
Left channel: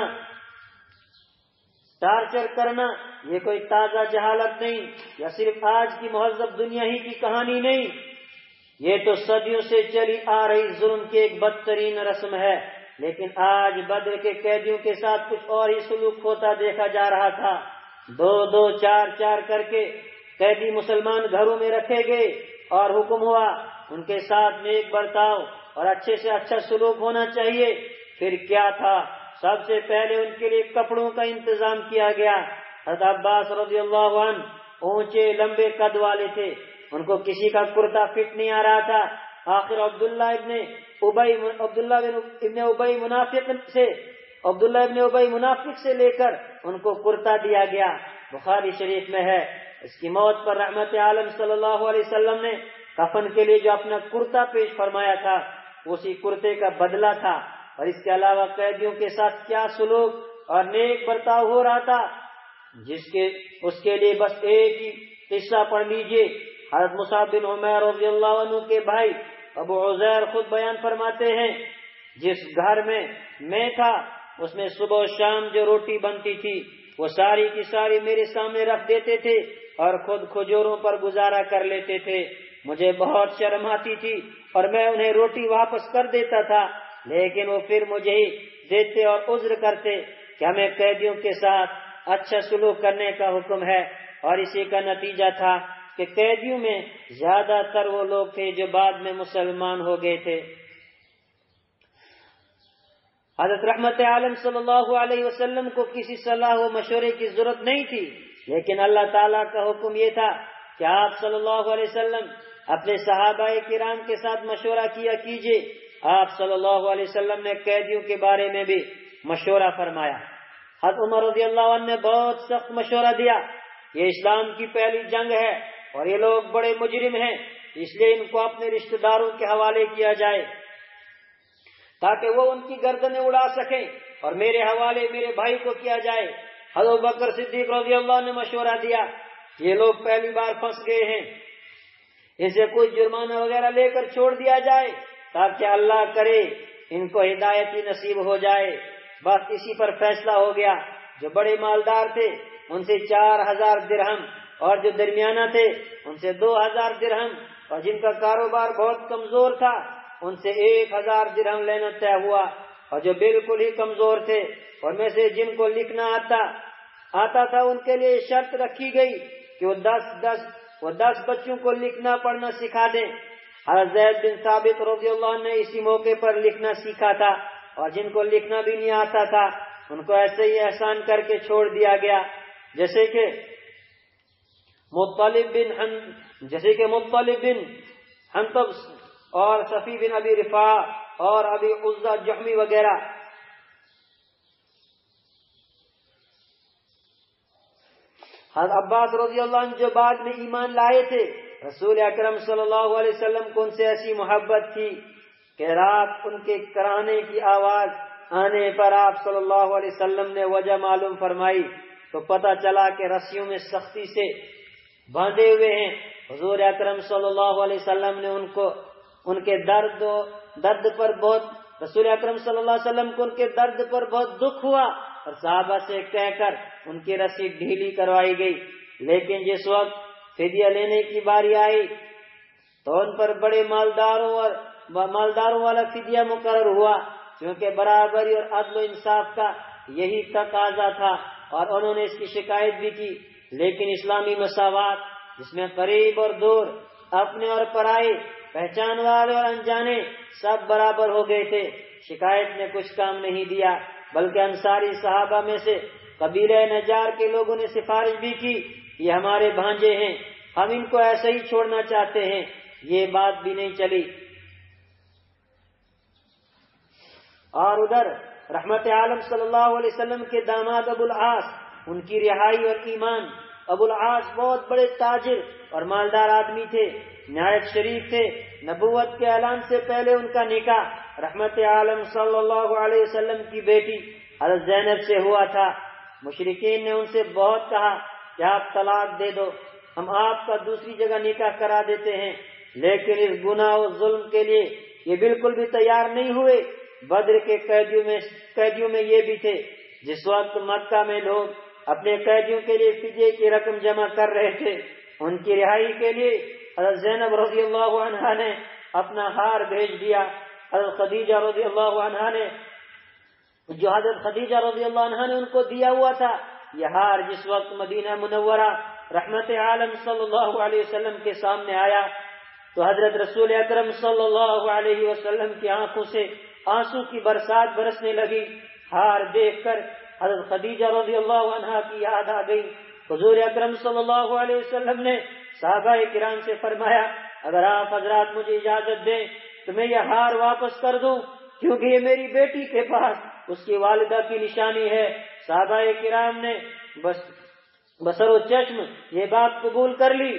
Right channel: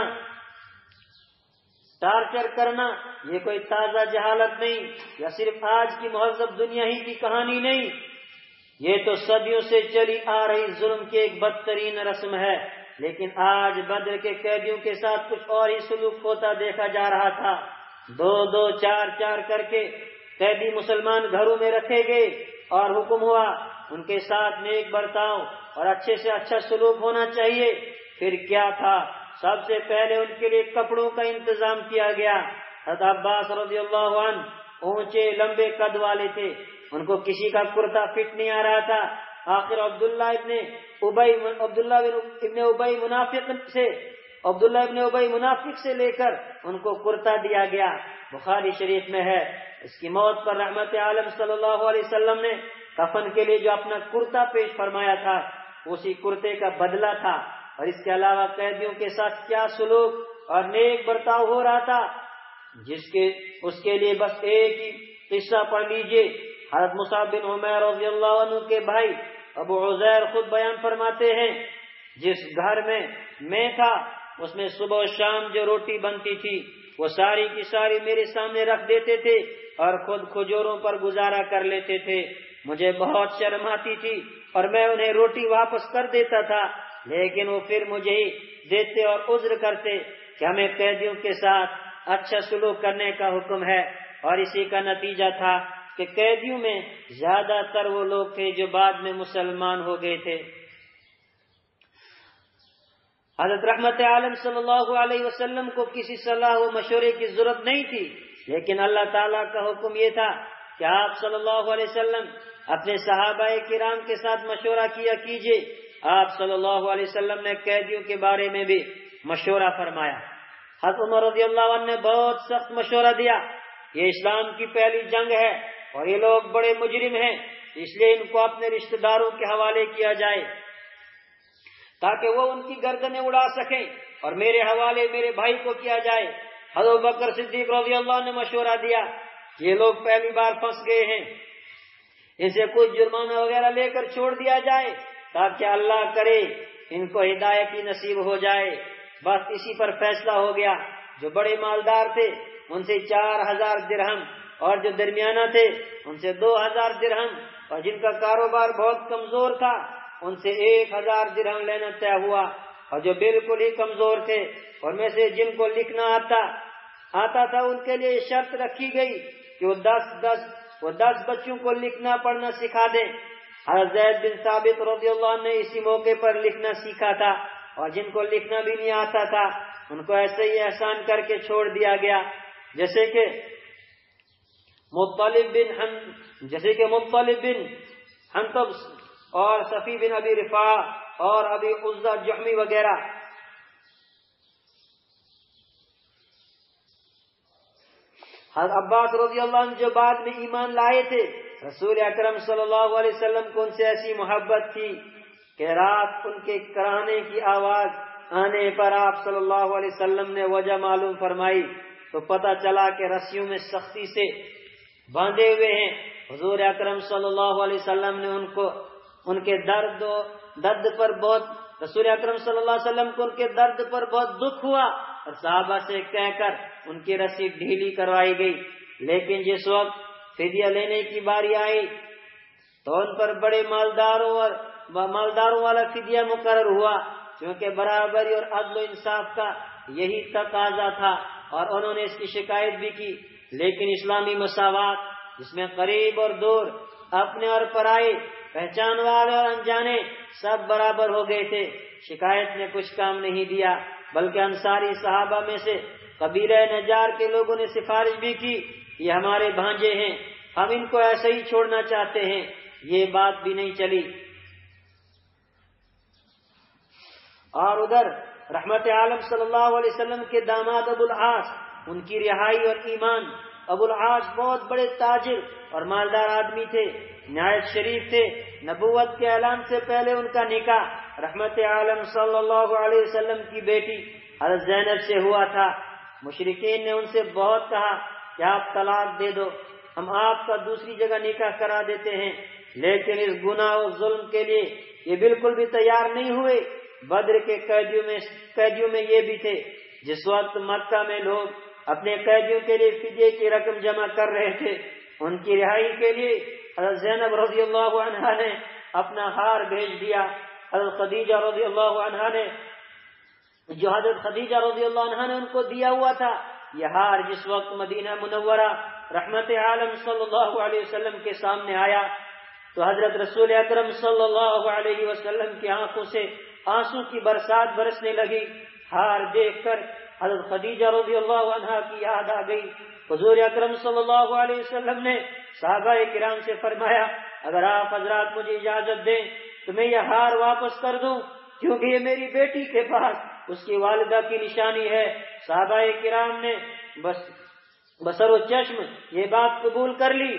ٹارچر کرنا، یہ کوئی تازہ جہالت نہیں یا صرف آج کی مہذب دنیا ہی کی کہانی نہیں، یہ تو صدیوں سے چلی آ رہی ظلم کی ایک بدترین رسم ہے۔ لیکن آج بدر کے قیدیوں کے ساتھ کچھ اور ہی سلوک ہوتا دیکھا جا رہا تھا۔ دو دو چار چار کر کے قیدی مسلمان گھروں میں رکھے گئے اور حکم ہوا ان کے ساتھ نیک برتاؤ اور اچھے سے اچھا سلوک ہونا چاہیے۔ پھر کیا تھا، سب سے پہلے ان کے لیے کپڑوں کا انتظام کیا گیا۔ حضرت عباس رضی اللہ عنہ اونچے لمبے قد والے تھے، ان کو کسی کا کرتا فٹ نہیں آ رہا تھا۔ آخر عبداللہ ابن ابئی منافق سے لے کر ان کو کرتا دیا گیا۔ بخاری شریف میں ہے، اس کی موت پر رحمت عالم صلی اللہ علیہ وسلم نے کفن کے لیے جو اپنا کرتا پیش فرمایا تھا اسی کرتے کا بدلہ تھا۔ اور اس کے علاوہ قیدیوں کے ساتھ کیا سلوک اور نیک برتاؤ ہو رہا تھا، اس کے لیے بس ایک ہی قصہ پڑھ لیجئے۔ حضرت مصعب بن عمیر رضی اللہ عنہ کے بھائی ابو عزیر خود بیان فرماتے ہیں، جس گھر میں تھا اس میں صبح و شام جو روٹی بنتی تھی وہ ساری کی ساری میرے سامنے رکھ دیتے تھے اور خود کھجوروں پر گزارا کر لیتے تھے۔ مجھے بہت شرم آتی تھی اور میں انہیں روٹی واپس کر دیتا تھا، لیکن وہ پھر مجھے ہی دیتے اور عذر کرتے کہ ہمیں قیدیوں کے ساتھ اچھا سلوک کرنے کا حکم ہے۔ اور اسی کا نتیجہ تھا کہ قیدیوں میں زیادہ تر وہ لوگ تھے جو بعد میں مسلمان ہو گئے تھے۔ حضرت رحمت عالم صلی اللہ علیہ وسلم کو کسی صلاح و مشورے کی ضرورت نہیں تھی، لیکن اللہ تعالیٰ کا حکم یہ تھا کہ آپ صلی اللہ علیہ وسلم اپنے صحابہ کرام کے ساتھ مشورہ کیا کیجئے۔ آپ صلی اللہ علیہ وسلم نے قیدیوں کے بارے میں بھی مشورہ فرمایا۔ حضرت عمر رضی اللہ عنہ نے بہت سخت مشورہ دیا، یہ اسلام کی پہلی جنگ ہے اور یہ لوگ بڑے مجرم ہیں، اس لیے ان کو اپنے رشتہ داروں کے حوالے کیا جائے تاکہ وہ ان کی گردنیں اڑا سکیں، اور میرے حوالے میرے بھائی کو کیا جائے۔ حضرت بکر صدیق رضی اللہ عنہ نے مشورہ دیا، یہ لوگ پہلی بار پھنس گئے ہیں، ان سے کوئی جرمانہ وغیرہ لے کر چھوڑ دیا جائے تاکہ اللہ کرے ان کو ہدایت ہی نصیب ہو جائے۔ بس اسی پر فیصلہ ہو گیا۔ جو بڑے مالدار تھے ان سے 4000 درہم اور جو درمیانہ تھے ان سے 2000 درہم، اور جن کا کاروبار بہت کمزور تھا ان سے 1000 درہم لینا طے ہوا۔ اور جو بالکل ہی کمزور تھے ان میں سے جن کو لکھنا آتا تھا ان کے لیے شرط رکھی گئی کہ وہ 10 بچوں کو لکھنا پڑھنا سکھا دیں۔ حضرت زید بن ثابت رضی اللہ عنہ نے اسی موقع پر لکھنا سیکھا تھا، اور جن کو لکھنا بھی نہیں آتا تھا ان کو ایسے ہی احسان کر کے چھوڑ دیا گیا، جیسے کہ مطلب بن حنطب اور صفی بن ابی رفاع اور ابی عزہ جحمی وغیرہ۔ حضرت عباس رضی اللہ عنہ جو بعد میں ایمان لائے تھے، رسول اکرم صلی اللہ علیہ وسلم کو ان سے ایسی محبت تھی کہ رات ان کے کرانے کی آواز آنے پر آپ صلی اللہ علیہ وسلم نے وجہ معلوم فرمائی تو پتہ چلا کہ رسیوں میں سختی سے باندھے ہوئے ہیں۔ حضور اکرم صلی اللہ علیہ وسلم نے ان کے درد پر بہت رسول اکرم صلی اللہ علیہ وسلم کو ان کے درد پر بہت دکھ ہوا اور صحابہ سے کہہ کر ان کی رسی ڈھیلی کروائی گئی۔ لیکن جس وقت فدیہ لینے کی باری آئی تو ان پر بڑے مالداروں والا فدیہ مقرر ہوا، کیونکہ برابری اور عدل و انصاف کا یہی تقاضا تھا، اور انہوں نے اس کی شکایت بھی کی۔ لیکن اسلامی مساوات جس میں قریب اور دور، اپنے اور پرائے، پہچان والے اور انجانے سب برابر ہو گئے تھے، شکایت نے کچھ کام نہیں دیا، بلکہ انصاری صحابہ میں سے قبیلہ نجار کے لوگوں نے سفارش بھی کی، یہ ہمارے بھانجے ہیں، ہم ان کو ایسے ہی چھوڑنا چاہتے ہیں، یہ بات بھی نہیں چلی۔ اور ادھر رحمت عالم صلی اللہ علیہ وسلم کے داماد ابو العاص، ان کی رہائی اور ایمان۔ ابو العاص بہت بڑے تاجر اور مالدار آدمی تھے، نہایت شریف تھے۔ نبوت کے اعلان سے پہلے ان کا نکاح رحمت عالم صلی اللہ علیہ وسلم کی بیٹی حضرت زینب سے ہوا تھا۔ مشرکین نے ان سے بہت کہا کہ آپ طلاق دے دو، ہم آپ کا دوسری جگہ نکاح کرا دیتے ہیں، لیکن اس گناہ و ظلم کے لیے یہ بالکل بھی تیار نہیں ہوئے۔ بدر کے قیدیوں میں یہ بھی تھے۔ جس وقت مکہ میں لوگ اپنے قیدیوں کے لیے فدیے کی رقم جمع کر رہے تھے، ان کی رہائی کے لیے حضرت زینب رضی اللہ عنہا نے اپنا ہار بھیج دیا۔ حضرت خدیجہ رضی اللہ عنہا نے ان کو دیا ہوا تھا، یہ ہار جس وقت مدینہ منورہ رحمت عالم صلی اللہ علیہ وسلم کے سامنے آیا تو حضرت رسول اکرم صلی اللہ علیہ وسلم کی آنکھوں سے آنسو کی برسات برسنے لگی۔ ہار دیکھ کر حضرت خدیجہ رضی اللہ عنہا کی یاد آ گئی۔ حضور اکرم صلی اللہ علیہ وسلم نے صحابہ کرام سے فرمایا، اگر آپ حضرات مجھے اجازت دیں تو میں یہ ہار واپس کر دوں، کیونکہ یہ میری بیٹی کے پاس اس کی والدہ کی نشانی ہے۔ صحابہ کرام نے بصر و چشم یہ بات قبول کر لی،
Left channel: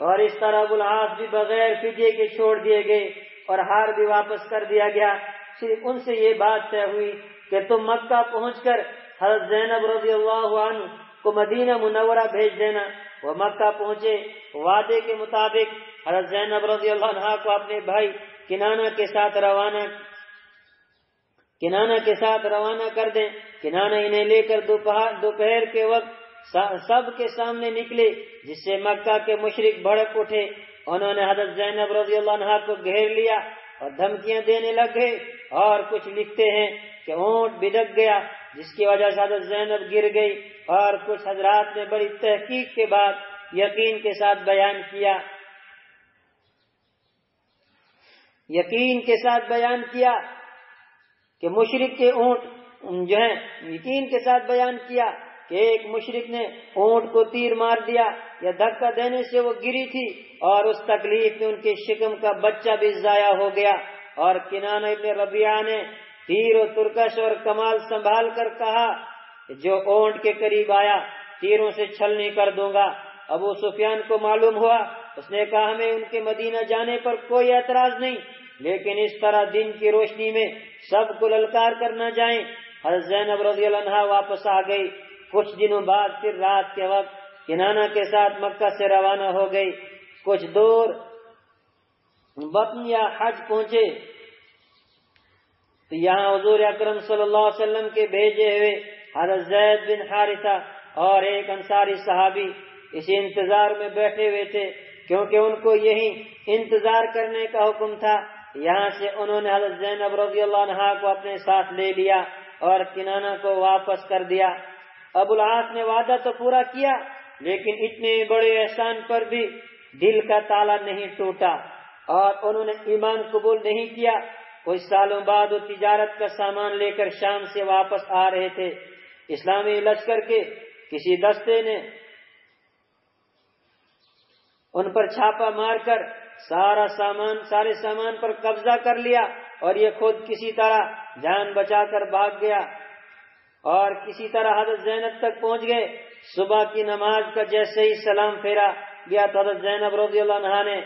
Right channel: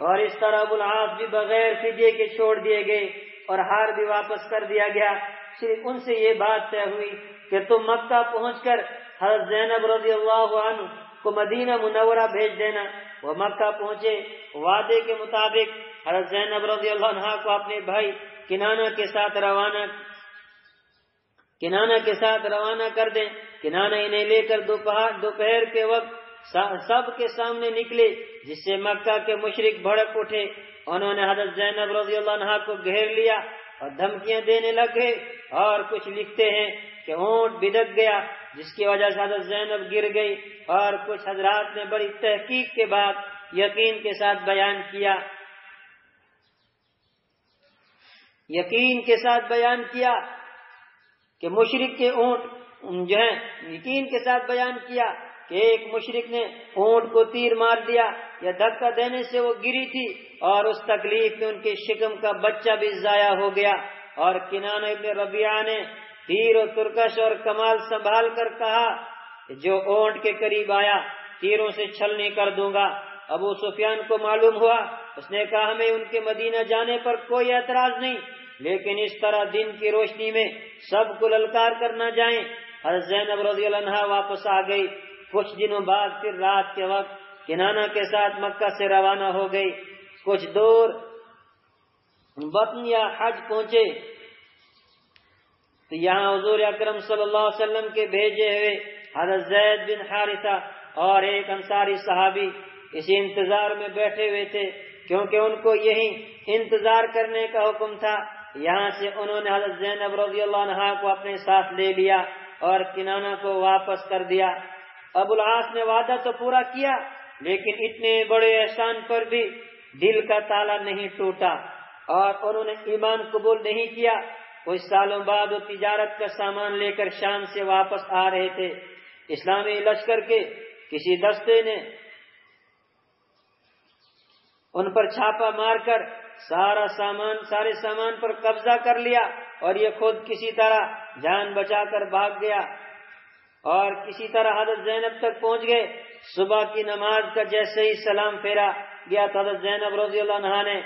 اور اس طرح ابو العاص بھی بغیر فدیے کے چھوڑ دیے گئے اور ہار بھی واپس کر دیا گیا۔ صرف ان سے یہ بات طے ہوئی کہ تم مکہ پہنچ کر حضرت زینب رضی اللہ عنہ کو مدینہ منورہ بھیج دینا۔ وہ مکہ پہنچے، وعدے کے مطابق حضرت زینب رضی اللہ عنہ کو اپنے بھائی کنانہ کے ساتھ روانہ کر دیں۔ کنانہ انہیں لے کر دوپہر کے وقت سب کے سامنے نکلے، جس سے مکہ کے مشرک بھڑک اٹھے۔ انہوں نے حضرت زینب رضی اللہ عنہ کو گھیر لیا اور دھمکیاں دینے لگے، اور کچھ لکھتے ہیں کہ اونٹ بدک گیا جس کی وجہ سے حضرت زینب گر گئی، اور کچھ حضرات نے بڑی تحقیق کے بعد یقین کے ساتھ بیان کیا کہ مشرک کے اونٹ جو ہیں، یقین کے ساتھ بیان کیا کہ ایک مشرک نے اونٹ کو تیر مار دیا یا دھکا دینے سے وہ گری تھی، اور اس تکلیف میں ان کے شکم کا بچہ بھی ضائع ہو گیا۔ اور کنانہ ابن ربیعہ نے تیر و ترکش اور کمال سنبھال کر کہا کہ جو اونٹ کے قریب آیا تیروں سے چھلنی کر دوں گا۔ ابو سفیان کو معلوم ہوا، اس نے کہا ہمیں ان کے مدینہ جانے پر کوئی اعتراض نہیں، لیکن اس طرح دن کی روشنی میں سب کو للکار کر نہ جائیں۔ حضرت زینب رضی اللہ عنہا واپس آ گئی۔ کچھ دنوں بعد پھر رات کے وقت کنانہ کے ساتھ مکہ سے روانہ ہو گئی۔ کچھ دور بطن یا حج پہنچے تو یہاں حضور اکرم صلی اللہ علیہ وسلم کے بھیجے ہوئے حضرت زید بن حارثہ اور ایک انصاری صحابی اسی انتظار میں بیٹھے ہوئے تھے، کیونکہ ان کو یہی انتظار کرنے کا حکم تھا۔ یہاں سے انہوں نے حضرت زینب رضی اللہ عنہا کو اپنے ساتھ لے لیا اور کنانہ کو واپس کر دیا۔ ابو العاص نے وعدہ تو پورا کیا، لیکن اتنے بڑے احسان پر بھی دل کا تالا نہیں ٹوٹا اور انہوں نے ایمان قبول نہیں کیا۔ کچھ سالوں بعد وہ تجارت کا سامان لے کر شام سے واپس آ رہے تھے۔ اسلامی لشکر کے کسی دستے نے ان پر چھاپا مار کر سارے سامان پر قبضہ کر لیا، اور یہ خود کسی طرح جان بچا کر بھاگ گیا اور کسی طرح حضرت زینب تک پہنچ گئے۔ صبح کی نماز کا جیسے ہی سلام پھیرا گیا تو حضرت زینب رضی اللہ عنہا نے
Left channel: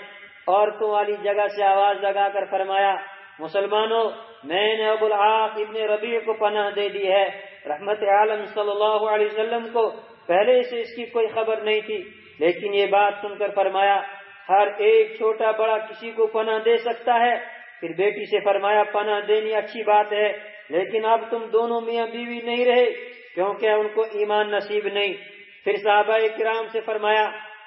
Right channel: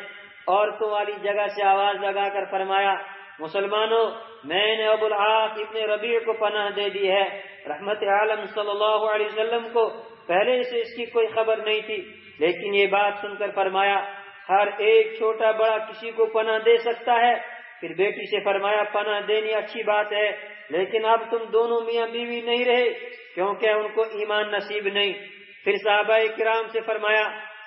عورتوں والی جگہ سے آواز لگا کر فرمایا، مسلمانوں میں نے ابو العاص ابن ربیع کو پناہ دے دی ہے۔ رحمت عالم صلی اللہ علیہ وسلم کو پہلے سے اس کی کوئی خبر نہیں تھی، لیکن یہ بات سن کر فرمایا ہر ایک چھوٹا بڑا کسی کو پناہ دے سکتا ہے۔ پھر بیٹی سے فرمایا پناہ دینی اچھی بات ہے، لیکن اب تم دونوں میاں بیوی نہیں رہے کیونکہ ان کو ایمان نصیب نہیں۔ پھر صحابہ کرام سے فرمایا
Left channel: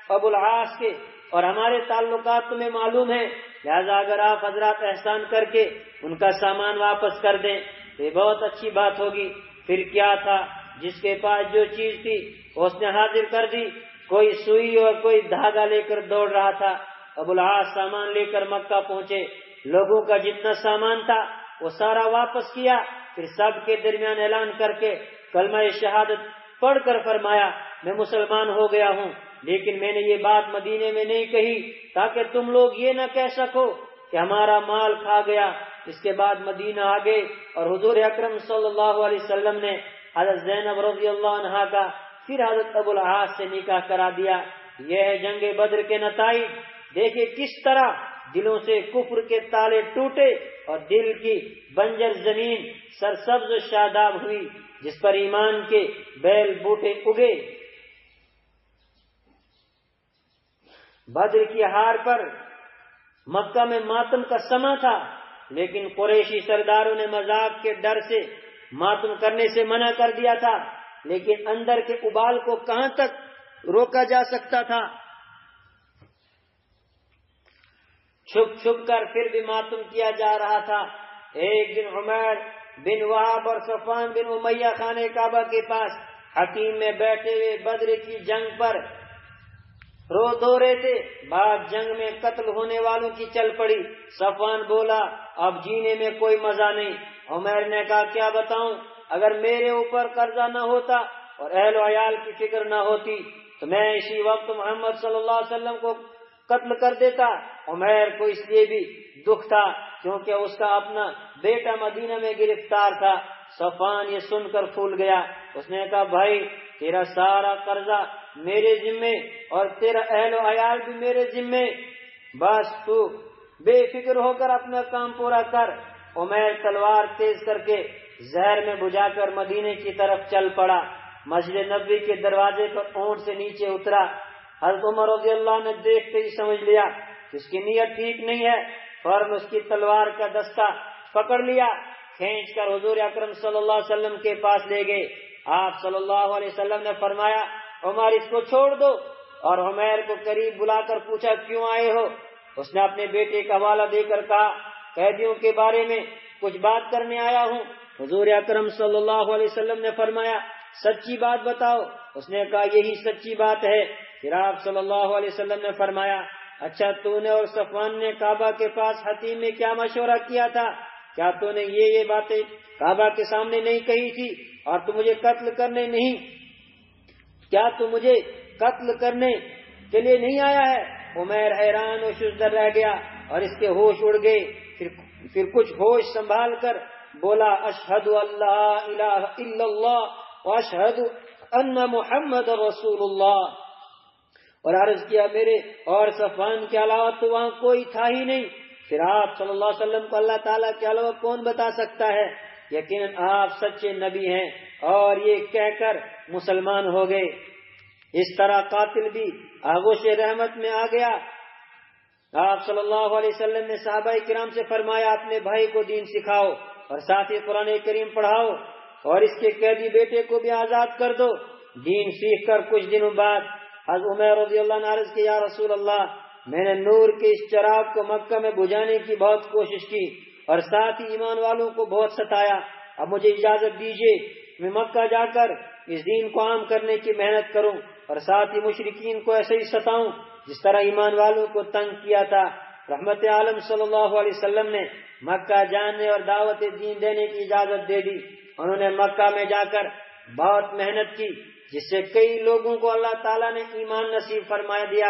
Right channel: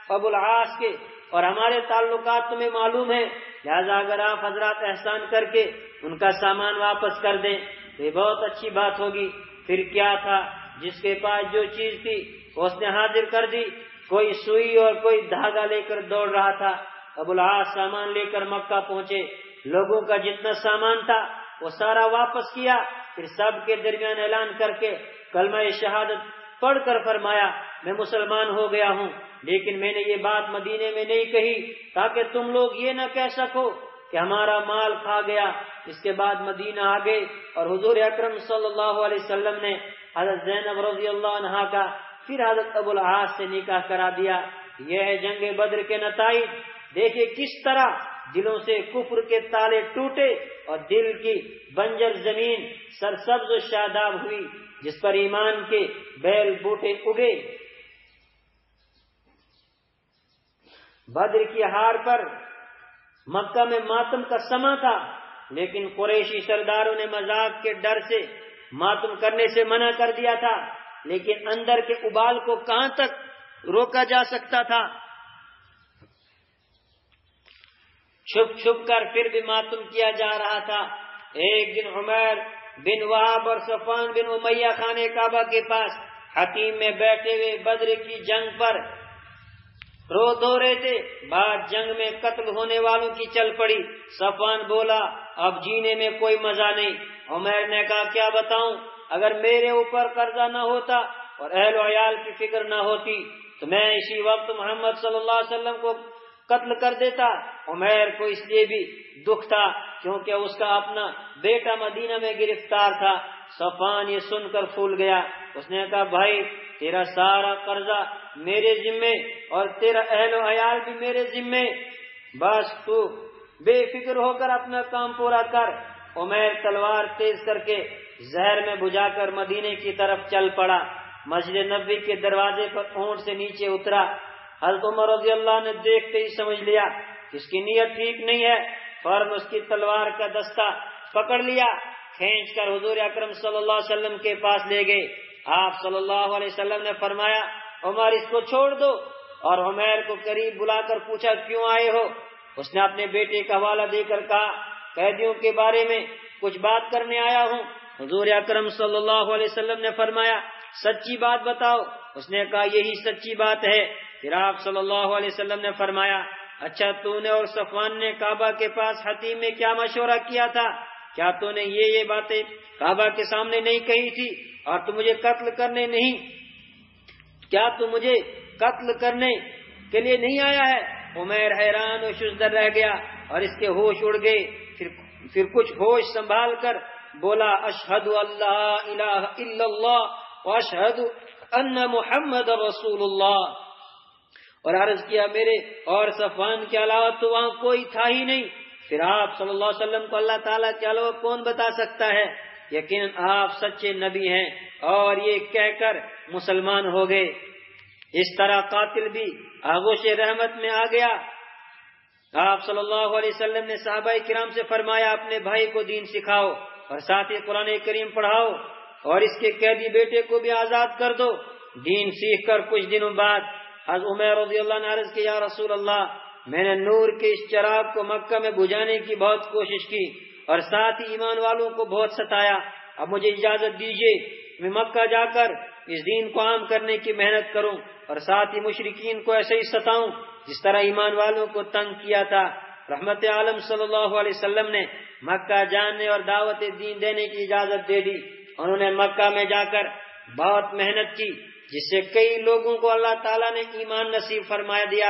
ابو العاص کے اور ہمارے تعلقات تمہیں معلوم ہیں، لہذا اگر آپ حضرات احسان کر کے ان کا سامان واپس کر دیں تو یہ بہت اچھی بات ہوگی۔ پھر کیا تھا، جس کے پاس جو چیز تھی اس نے حاضر کر دی۔ کوئی سوئی اور کوئی دھاگا لے کر دوڑ رہا تھا۔ ابو العاص سامان لے کر مکہ پہنچے، لوگوں کا جتنا سامان تھا وہ سارا واپس کیا، پھر سب کے درمیان اعلان کر کے کلمہ شہادت پڑھ کر فرمایا میں مسلمان ہو گیا ہوں، لیکن میں نے یہ بات مدینے میں نہیں کہی تاکہ تم لوگ یہ نہ کہہ سکو کہ ہمارا مال کھا گیا۔ اس کے بعد مدینہ آ گئے اور حضور اکرم صلی اللہ علیہ وسلم نے حضرت زینب رضی اللہ عنہا کا پھر حضرت ابو العاص سے نکاح کرا دیا۔ یہ ہے جنگ بدر کے نتائج۔ دیکھیں کس طرح دلوں سے کفر کے تالے ٹوٹے اور دل کی بنجر زمین سرسبز و شاداب ہوئی، جس پر ایمان کے بیل بوٹے اگے۔ بدر کی ہار پر مکہ میں ماتم کا سما تھا، لیکن قریشی سرداروں نے مذاق کے ڈر سے ماتم کرنے سے منع کر دیا تھا، لیکن اندر کے ابال کو کہاں تک روکا جا سکتا تھا؟ چھپ چھپ کر پھر بھی ماتم کیا جا رہا تھا۔ ایک دن عمیر بن وہاب اور صفوان بن امیہ خانہ کعبہ کے پاس حتیم میں بیٹھے ہوئے بدر کی جنگ پر رو دھو رہے تھے۔ بعد جنگ میں قتل ہونے والوں کی چل پڑی۔ صفوان بولا اب جینے میں کوئی مزہ نہیں۔ عمیر نے کہا کیا بتاؤں، اگر میرے اوپر قرضہ نہ ہوتا اور اہل و عیال کی فکر نہ ہوتی تو میں اسی وقت محمد صلی اللہ علیہ وسلم کو قتل کر دیتا۔ عمیر کو اس لیے بھی دکھ تھا کیونکہ اس کا اپنا بیٹا مدینہ میں گرفتار تھا۔ صفوان یہ سن کر پھول گیا۔ اس نے کہا بھائی تیرا سارا قرضہ میرے ذمے اور تیرا اہل و عیال بھی میرے ذمے، بس تو بے فکر ہو کر اپنا کام پورا کر۔ عمیر تلوار تیز کر کے زہر میں بجھا کر مدینے کی طرف چل پڑا۔ مسجد نبوی کے دروازے پر اونٹ سے نیچے اترا۔ حضرت عمر رضی اللہ نے دیکھتے ہی سمجھ لیا کہ اس کی نیت ٹھیک نہیں ہے، فوراً اس کی تلوار کا دستہ پکڑ لیا، کھینچ کر حضور اکرم صلی اللہ علیہ وسلم کے پاس لے گئے۔ آپ صلی اللہ علیہ وسلم نے فرمایا عمر اس کو چھوڑ دو، اور عمیر کو قریب بلا کر پوچھا کیوں آئے ہو؟ اس نے اپنے بیٹے کا حوالہ دے کر کہا قیدیوں کے بارے میں کچھ بات کرنے آیا ہوں۔ حضور اکرم صلی اللہ علیہ وسلم نے فرمایا سچی بات بتاؤ۔ اس نے کہا یہی سچی بات ہے۔ پھر آپ صلی اللہ علیہ وسلم نے فرمایا اچھا تو نے اور صفوان نے کعبہ کے پاس حتیم میں کیا مشورہ کیا تھا؟ کیا تو نے یہ باتیں کعبہ کے سامنے نہیں کہی تھی؟ اور تو مجھے قتل کرنے نہیں، کیا تو مجھے قتل کرنے کے لیے نہیں آیا ہے؟ عمیر حیران و شزدر رہ گیا اور اس کے ہوش اڑ گئے۔ پھر کچھ ہوش سنبھال کر بولا اشہد اللہ الہ الا اللہ واشہد ان محمد رسول اللہ، اور عرض کیا میرے اور صفوان کے علاوہ تو وہاں کوئی تھا ہی نہیں۔ پھر آپ صلی اللہ علیہ وسلم کو اللہ تعالیٰ کے علاوہ کون بتا سکتا ہے؟ یقیناً آپ سچے نبی ہیں، اور یہ کہہ کر مسلمان ہو گئے۔ اس طرح قاتل بھی آغوش رحمت میں آ گیا۔ آپ صلی اللہ علیہ وسلم نے صحابہ کرام سے فرمایا اپنے بھائی کو دین سکھاؤ اور ساتھ ہی قرآن کریم پڑھاؤ، اور اس کے قیدی بیٹے کو بھی آزاد کر دو۔ دین سیکھ کر کچھ دنوں بعد حضرت عمر رضی اللہ عنہ عرض کیا یا رسول اللہ میں نے نور کے اس چراغ کو مکہ میں بجھانے کی بہت کوشش کی اور ساتھ ہی ایمان والوں کو بہت ستایا، اب مجھے اجازت دیجیے میں مکہ جا کر اس دین کو عام کرنے کی محنت کروں اور ساتھ ہی مشرکین کو ایسے ہی ستاؤں جس طرح ایمان والوں کو تنگ کیا تھا۔ رحمت عالم صلی اللہ علیہ وسلم نے مکہ جانے اور دعوت دین دینے کی اجازت دے دی۔ انہوں نے مکہ میں جا کر بہت محنت کی، جس سے کئی لوگوں کو اللہ تعالیٰ نے ایمان نصیب فرما دیا۔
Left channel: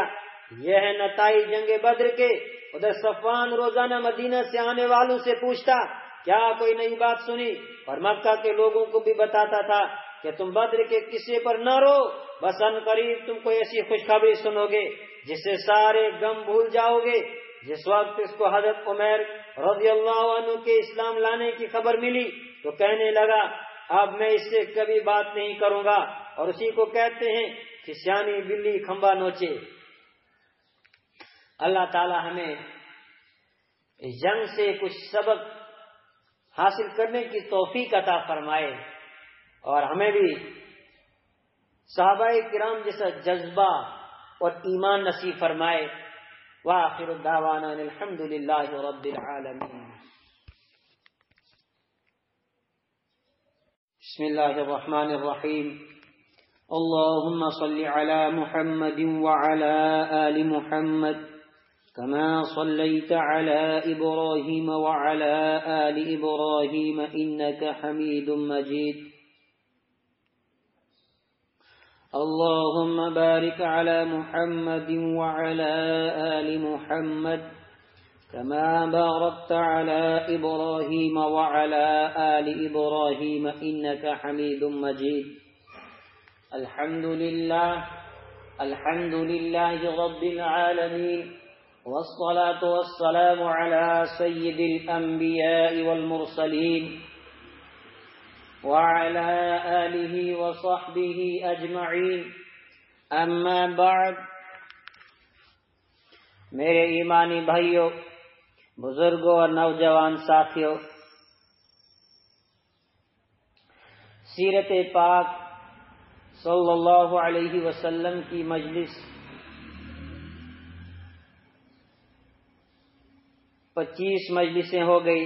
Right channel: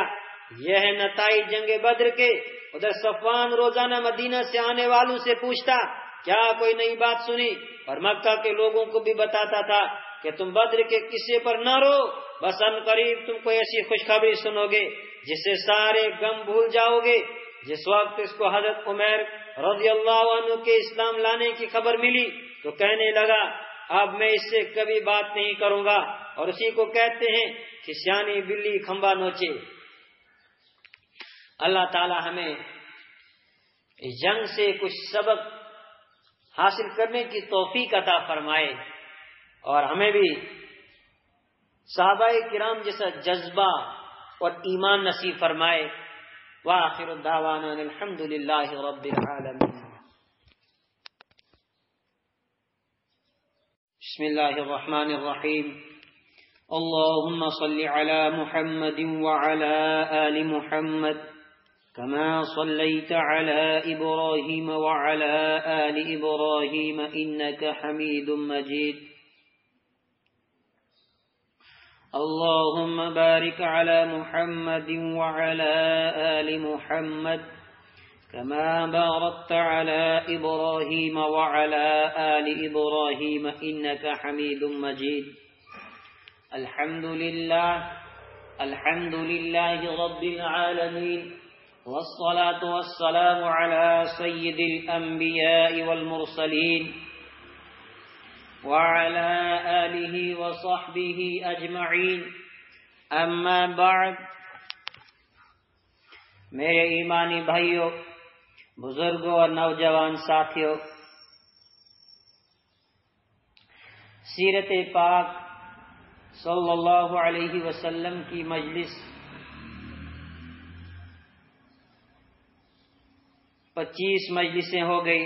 یہ ہے نتائج جنگ بدر کے۔ ادھر صفوان روزانہ مدینہ سے آنے والوں سے پوچھتا کیا کوئی نئی بات سنی، اور مکہ کے لوگوں کو بھی بتاتا تھا کہ تم بدر کے قصے پر نہ رو، بس ان قریب تم کو ایسی خوشخبری سنو گے جس سے سارے غم بھول جاؤ گے۔ جس وقت اس کو حضرت عمر رضی اللہ عنہ کے اسلام لانے کی خبر ملی تو کہنے لگا اب میں اس سے کبھی بات نہیں کروں گا، اور اسی کو کہتے ہیں کہ سیانی بلی کھمبا نوچے۔ اللہ تعالی ہمیں اس جنگ سے کچھ سبق حاصل کرنے کی توفیق عطا فرمائے، اور ہمیں بھی صحابہ کرام جیسا جذبہ اور ایمان نصیب فرمائے۔ وآخر الدعوانا الحمد للہ رب العالمین۔ بسم اللہ الرحمن الرحیم۔ اللهم صل على محمد وعلى آل محمد كما صليت على إبراهيم وعلى آل إبراهيم إنك حميد مجيد۔ اللهم بارك على محمد وعلى آل محمد كما باركت على إبراهيم وعلى آل إبراهيم إنك حميد مجيد۔ الحمد لله رب العالمين، والصلاة والسلام على سيد الأنبياء والمرسلين وعلى آله وصحبه أجمعين، أما بعد۔ میرے ایمانی بھائیوں، بزرگوں اور نوجوان ساتھیوں، سیرت پاک صلی اللہ علیہ وسلم کی مجلس 25 مجلسیں ہو گئی۔